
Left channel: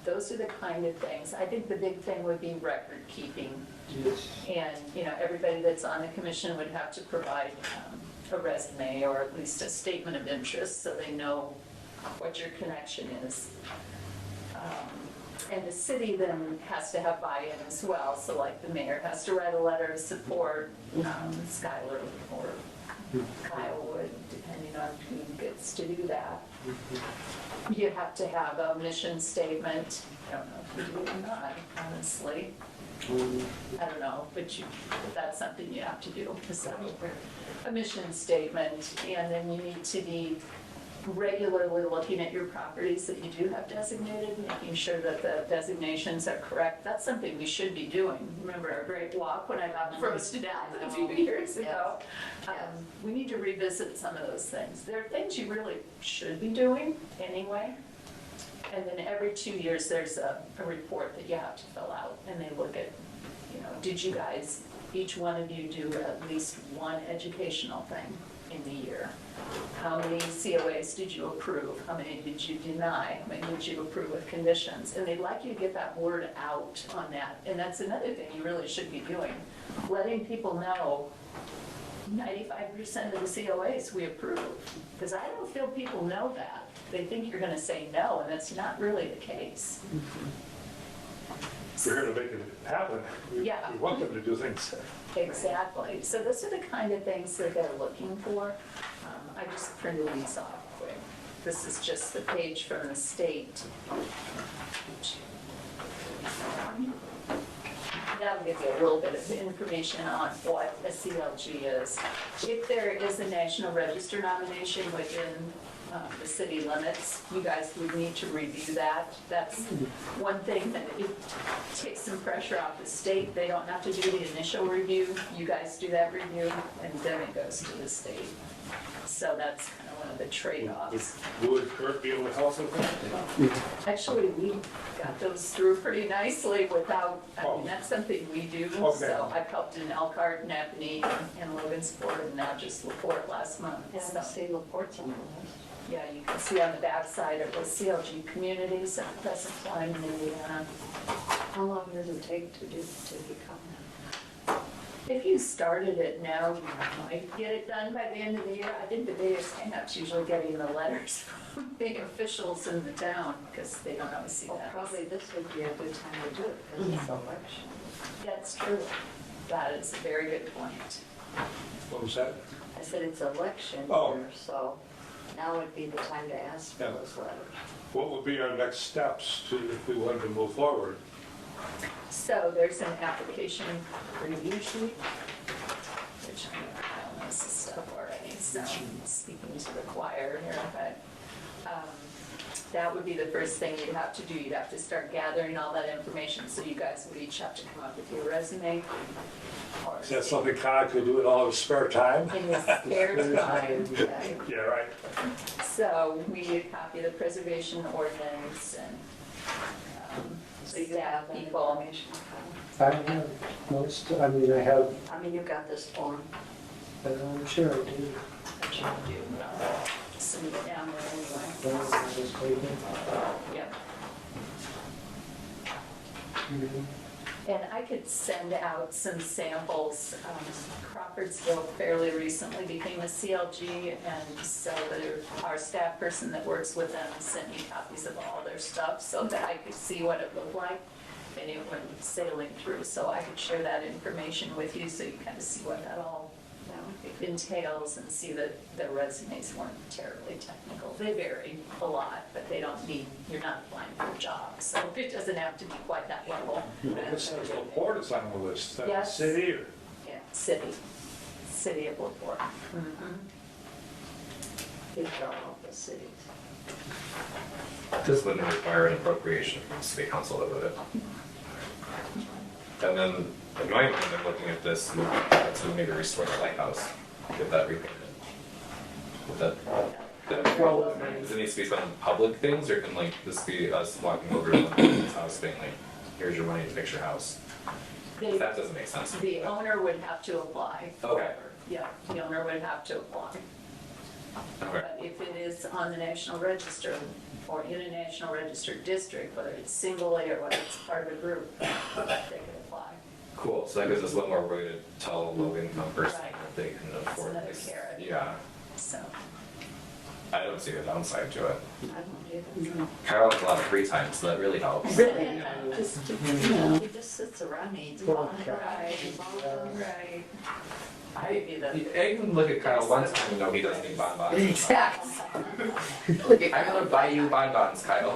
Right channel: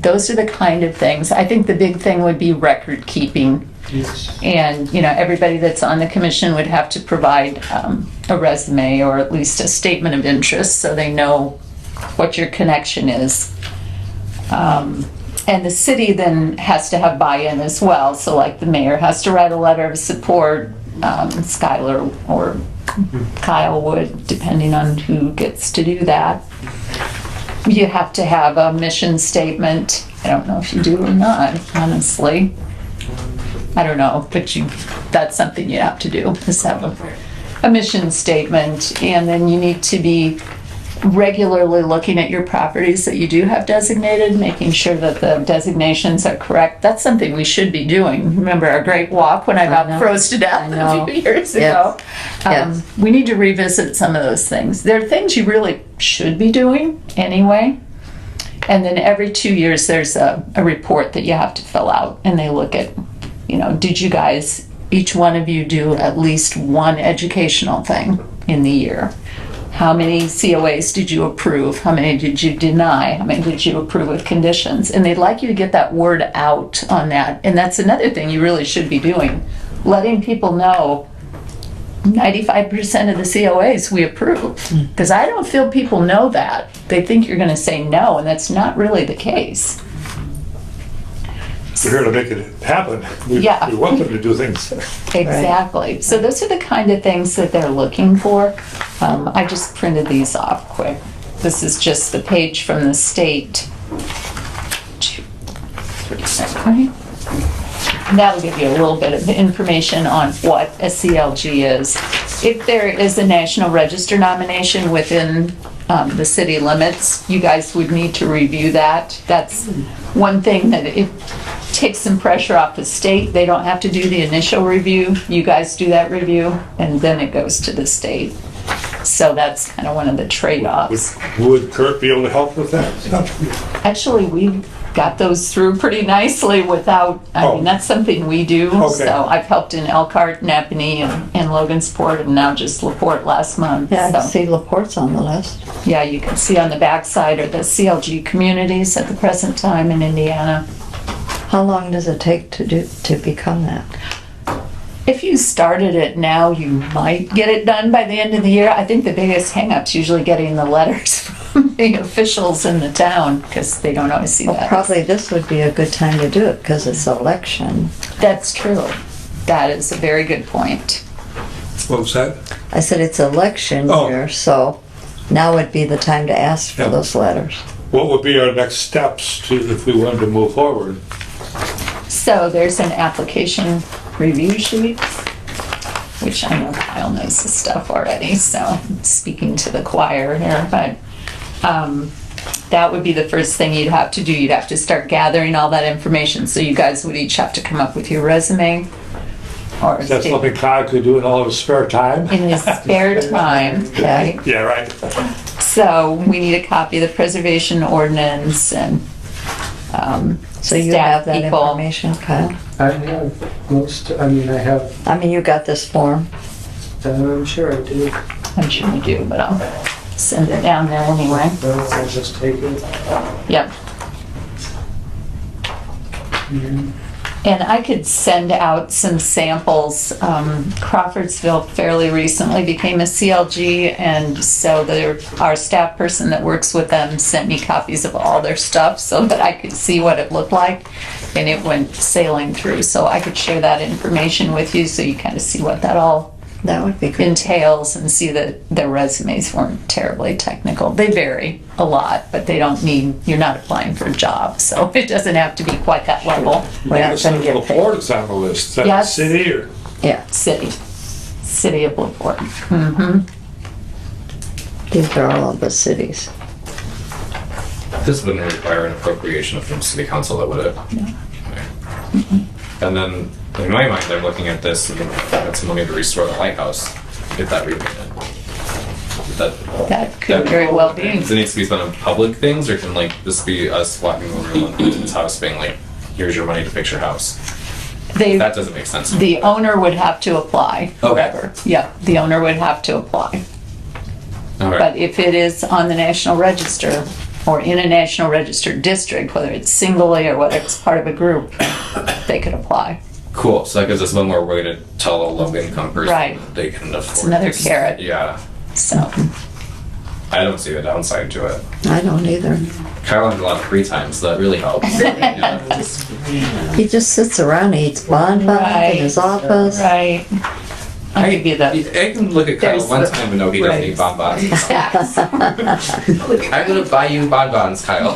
Those are the kind of things. I think the big thing would be record keeping. And, you know, everybody that's on the commission would have to provide a resume or at least a statement of interest so they know what your connection is. And the city then has to have buy-in as well. So like the mayor has to write a letter of support, Skylar or Kyle would, depending on who gets to do that. You have to have a mission statement. I don't know if you do or not, honestly. I don't know, but that's something you have to do, is have a mission statement. And then you need to be regularly looking at your properties that you do have designated, making sure that the designations are correct. That's something we should be doing. Remember our great walk when I about froze to death a few years ago? Yes. We need to revisit some of those things. There are things you really should be doing anyway. And then every 2 years there's a report that you have to fill out, and they look at, you know, did you guys, each one of you do at least one educational thing in the year? How many COAs did you approve? How many did you deny? How many did you approve with conditions? And they'd like you to get that word out on that. And that's another thing you really should be doing. Letting people know 95% of the COAs we approve. Because I don't feel people know that. They think you're going to say no, and that's not really the case. We're here to make it happen. We want them to do things. Exactly. So those are the kind of things that they're looking for. I just printed these off quick. This is just the page from the state. Okay. And that'll give you a little bit of information on what a CLG is. If there is a National Register nomination within the city limits, you guys would need to review that. That's one thing that it takes some pressure off the state. They don't have to do the initial review. You guys do that review, and then it goes to the state. So that's kind of one of the trade-offs. Would Kurt be able to help with that? Actually, we got those through pretty nicely without, I mean, that's something we do. Okay. So I've helped in Elkhart, Napanee, and Logansport, and now just LaPorte last month. Yeah, I can So, see LaPorte's on the list. yeah, you can see on the backside are the CLG communities at the present time in Indiana. How long does it take to become that? If you started it now, you might get it done by the end of the year. I think the biggest hang-up's usually getting the letters from the officials in the town, because they don't always see Well, that. probably this would be a good time to do it because it's election. That's true. That is a very good point. What was that? I said it's election year, so now would be the time to ask for those letters. What would be our next steps if we wanted to move forward? So there's an application review sheet, which I know Kyle knows the stuff already, so I'm speaking to the choir here, but that would be the first thing you'd have to do. You'd have to start gathering all that information. So you guys would each have to come up with your resume. Or Is that something Kyle could do in all of his spare time? in his spare time, okay? Yeah, right. So we need a copy of the preservation ordinance and So you staff have that people. information, Kyle? I have most, I mean, I have, I mean, you got this form. I'm sure I do. I'm sure you do, but I'll send it down there anyway. I'll just take it. Yep. And I could send out some samples. Crawfordsville fairly recently became a CLG, and so our staff person that works with them sent me copies of all their stuff so that I could see what it looked like, and it went sailing through. So I could share that information with you so you kind of see what that all That would be good. entails, and see that their resumes weren't terribly technical. They vary a lot, but they don't need, you're not applying for a job, so it doesn't have to be quite that level. We're not gonna get paid. LaPorte is on the list. Is that the Yes. city or? Yeah, City of LaPorte. Mm-hmm. these are all of the cities. This wouldn't require an appropriation from city council, that would it? And then, in my mind, I'm looking at this, and that's money to restore the lighthouse, get that repainted. That could very well be. Does it need to be spent on public things, or can like this be us walking over to Lincoln's house being like, here's your money to fix your house? That doesn't make sense. The owner would have to apply, Okay. whoever. Yeah, the owner would have to apply. All right. But if it is on the National Register, or in a National Register district, whether it's singly or whether it's part of a group, they could apply. Cool, so that gives us one more way to tell a low-income person Right. that they can afford. It's another this. carrot. Yeah, So, I don't see the downside to it. I don't either. Kyle has a lot of free time, so that really helps. Yeah. He just sits around, eats bonbons in his office. right. I'll give you the, I can look at Kyle There's one the- time and know he doesn't eat bonbons. yes. I'm gonna buy you bonbons, Kyle.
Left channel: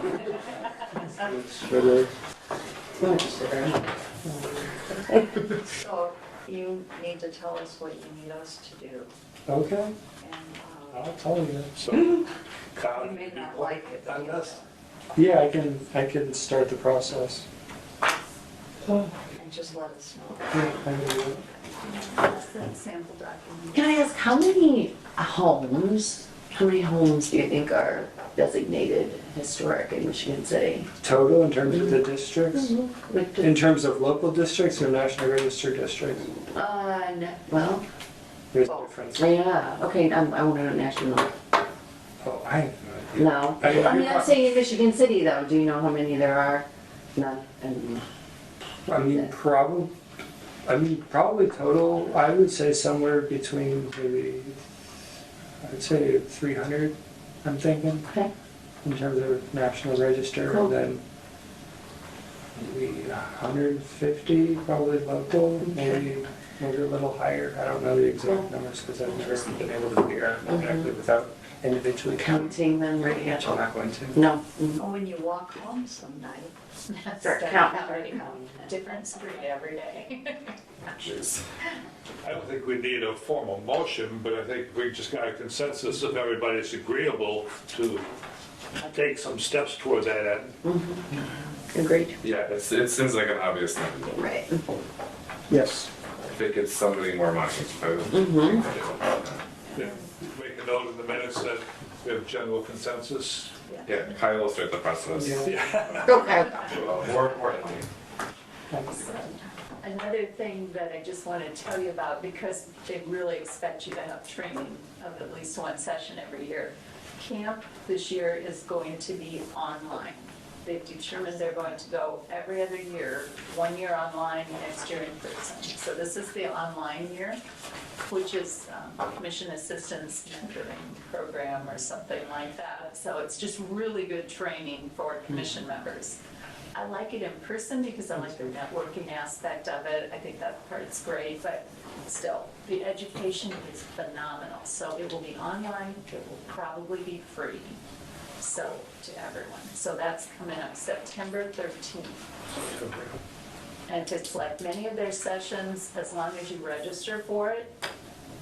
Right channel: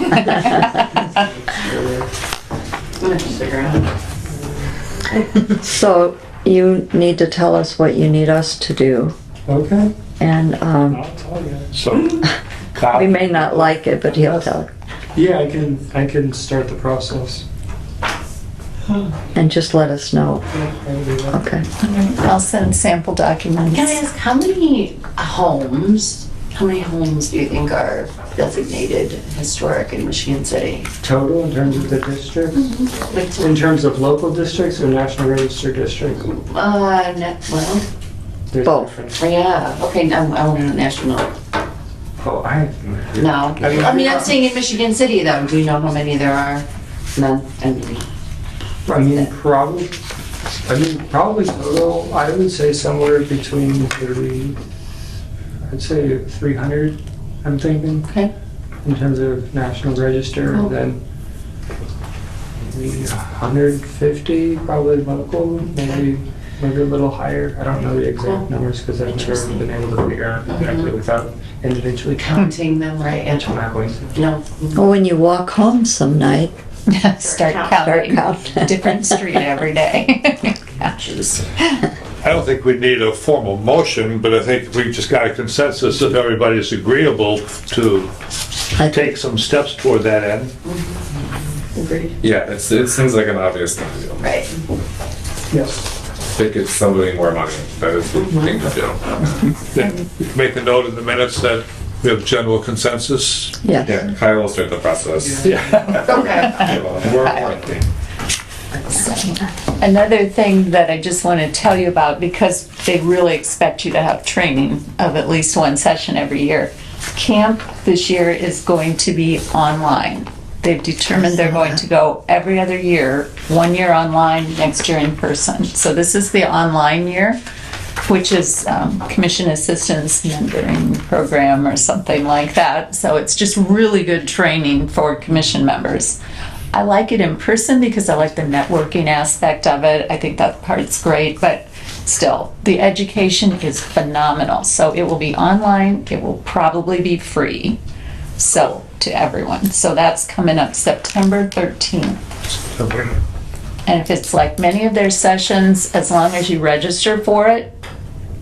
So you need to tell us what you need us to do. Okay, And I'll tell you. So, we may not like it, but he'll tell. Yeah, I can start the process. And just let us know. Okay. I'll send sample documents. Can I ask, how many homes do you think are designated historic in Michigan City? Total in terms of the districts? In terms of local districts or National Register districts? Well, There's Both. difference. yeah, okay, I want to national. Oh, I have no idea. No, I mean, I'm saying in Michigan City though, do you know how many there are? None, I mean, Probably total, I would say somewhere between I'd say 300, I'm thinking. Okay. In terms of National Register, Cool. and then maybe 150 probably local, maybe a little higher. I don't know the exact Cool. numbers because I've never been able to figure out exactly without individually counting them, right? Yeah. I'm not going to. No. Well, when you walk home some night, Start start counting. counting. Different street every day. Gotchas. I don't think we need a formal motion, but I think we just got a consensus if everybody's agreeable to take some steps toward that end. Agreed. Yeah, it seems like an obvious thing. Right. Yes. If it gives somebody more money, that is the thing to do. Then make a note in the minutes that we have general consensus. Yeah. Yeah, Kyle will start the process. Okay. More importantly. Another thing that I just want to tell you about, because they really expect you to have training of at least one session every year. Camp this year is going to be online. They've determined they're going to go every other year, 1 year online, next year in person. So this is the online year, which is Commission Assistance Mentoring Program or something like that. So it's just really good training for commission members. I like it in person because I like the networking aspect of it. I think that part's great, but still, the education is phenomenal. So it will be online, it will probably be free, so to everyone. So that's coming up September 13th. And if it's like many of their sessions, as long as you register for it,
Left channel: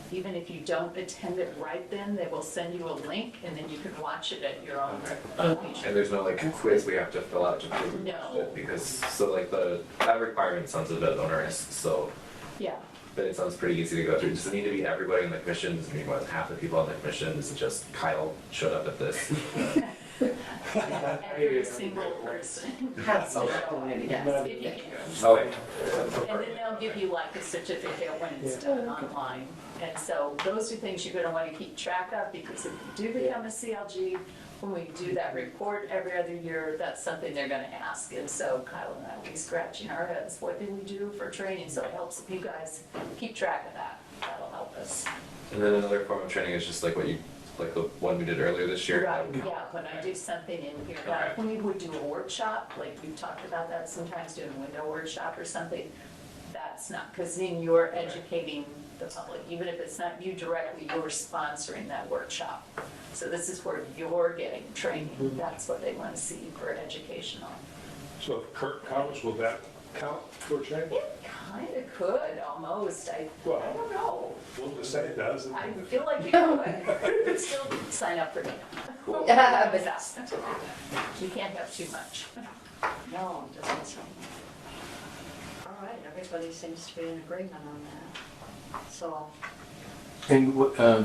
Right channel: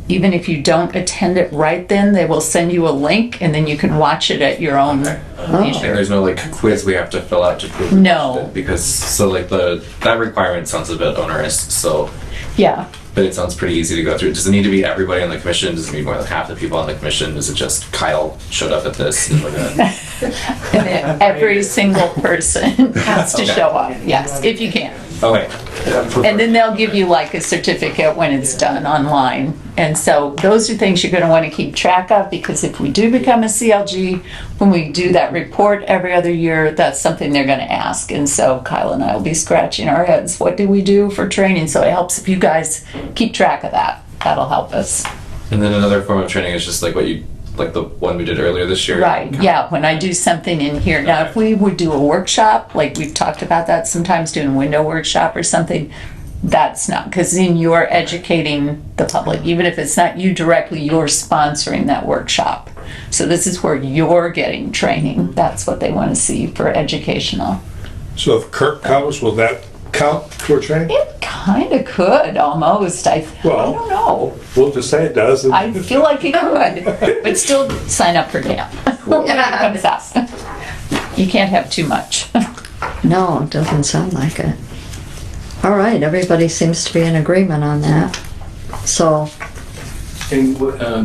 even if you don't attend it right then, they will send you a link and then you can watch it at your own And leisure. there's no like quiz we have to fill out to prove we No. watched it, because so like that requirement sounds a bit onerous. So Yeah, But it sounds pretty easy to go through. Does it need to be everybody on the commission? Does it need more than half the people on the commission? Is it just Kyle showed up at this and we're gonna... And then every single person has to show up, yes, if you can. Okay. And then they'll give you like a certificate when it's done online. And so those are things you're gonna wanna keep track of, because if we do become a CLG, when we do that report every other year, that's something they're gonna ask. And so Kyle and I will be scratching our heads, what do we do for training? So it helps if you guys keep track of that. That'll help us. And then another form of training is just like like the one we did earlier this year. Right, yeah, when I do something in here. Now, if we would do a workshop, like we've talked about that sometimes, doing a window workshop or something, that's not, because then you're educating the public. Even if it's not you directly, you're sponsoring that workshop. So this is where you're getting training. That's what they want to see for educational. So if Kirk comes, will that count for training? It kind of could, almost. I don't know. We'll just say it does. and- I feel like it could, but still sign up for camp when it comes out. You can't have too much. No, it doesn't sound like it. All right, everybody seems to be in agreement on that. So, And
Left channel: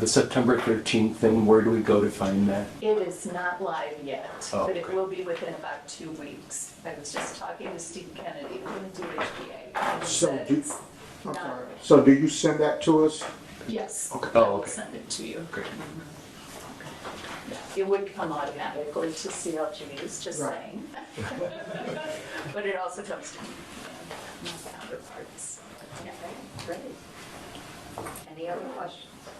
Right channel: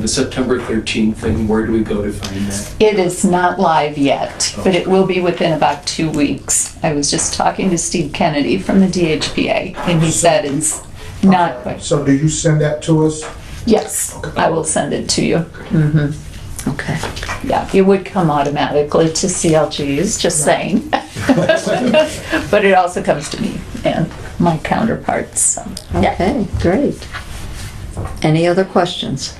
the September 13th thing, where do we go to find that? It is not live yet, but it will be within about 2 weeks. I was just talking to Steve Kennedy from the DHPA, and he said it's not quite. So do you send that to us? Yes, I will send it to you. Mhm. okay. Yeah, it would come automatically to CLGs, just saying. But it also comes to me and my counterparts, so, yeah. Okay, great. Any other questions?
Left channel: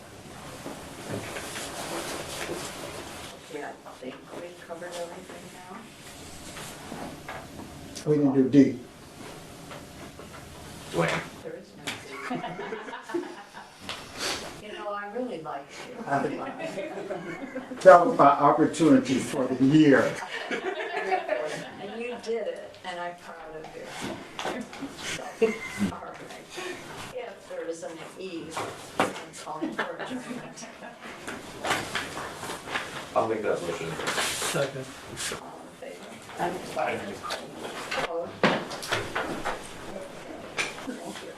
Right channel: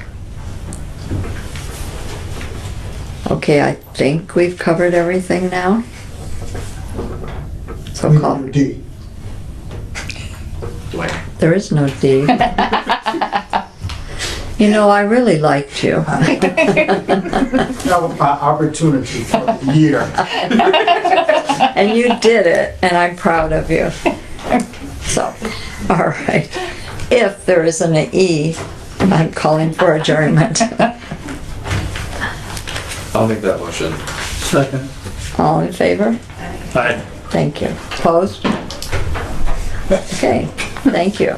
Okay, I think we've covered everything now. So call. D. There is no D. You know, I really liked you. That was my opportunity for the year. And you did it, and I'm proud of you. So, all right. If there isn't an E, I'm calling for adjournment. I'll make that motion. Second. All in favor? Aye. Thank you. Opposed? Okay, thank you.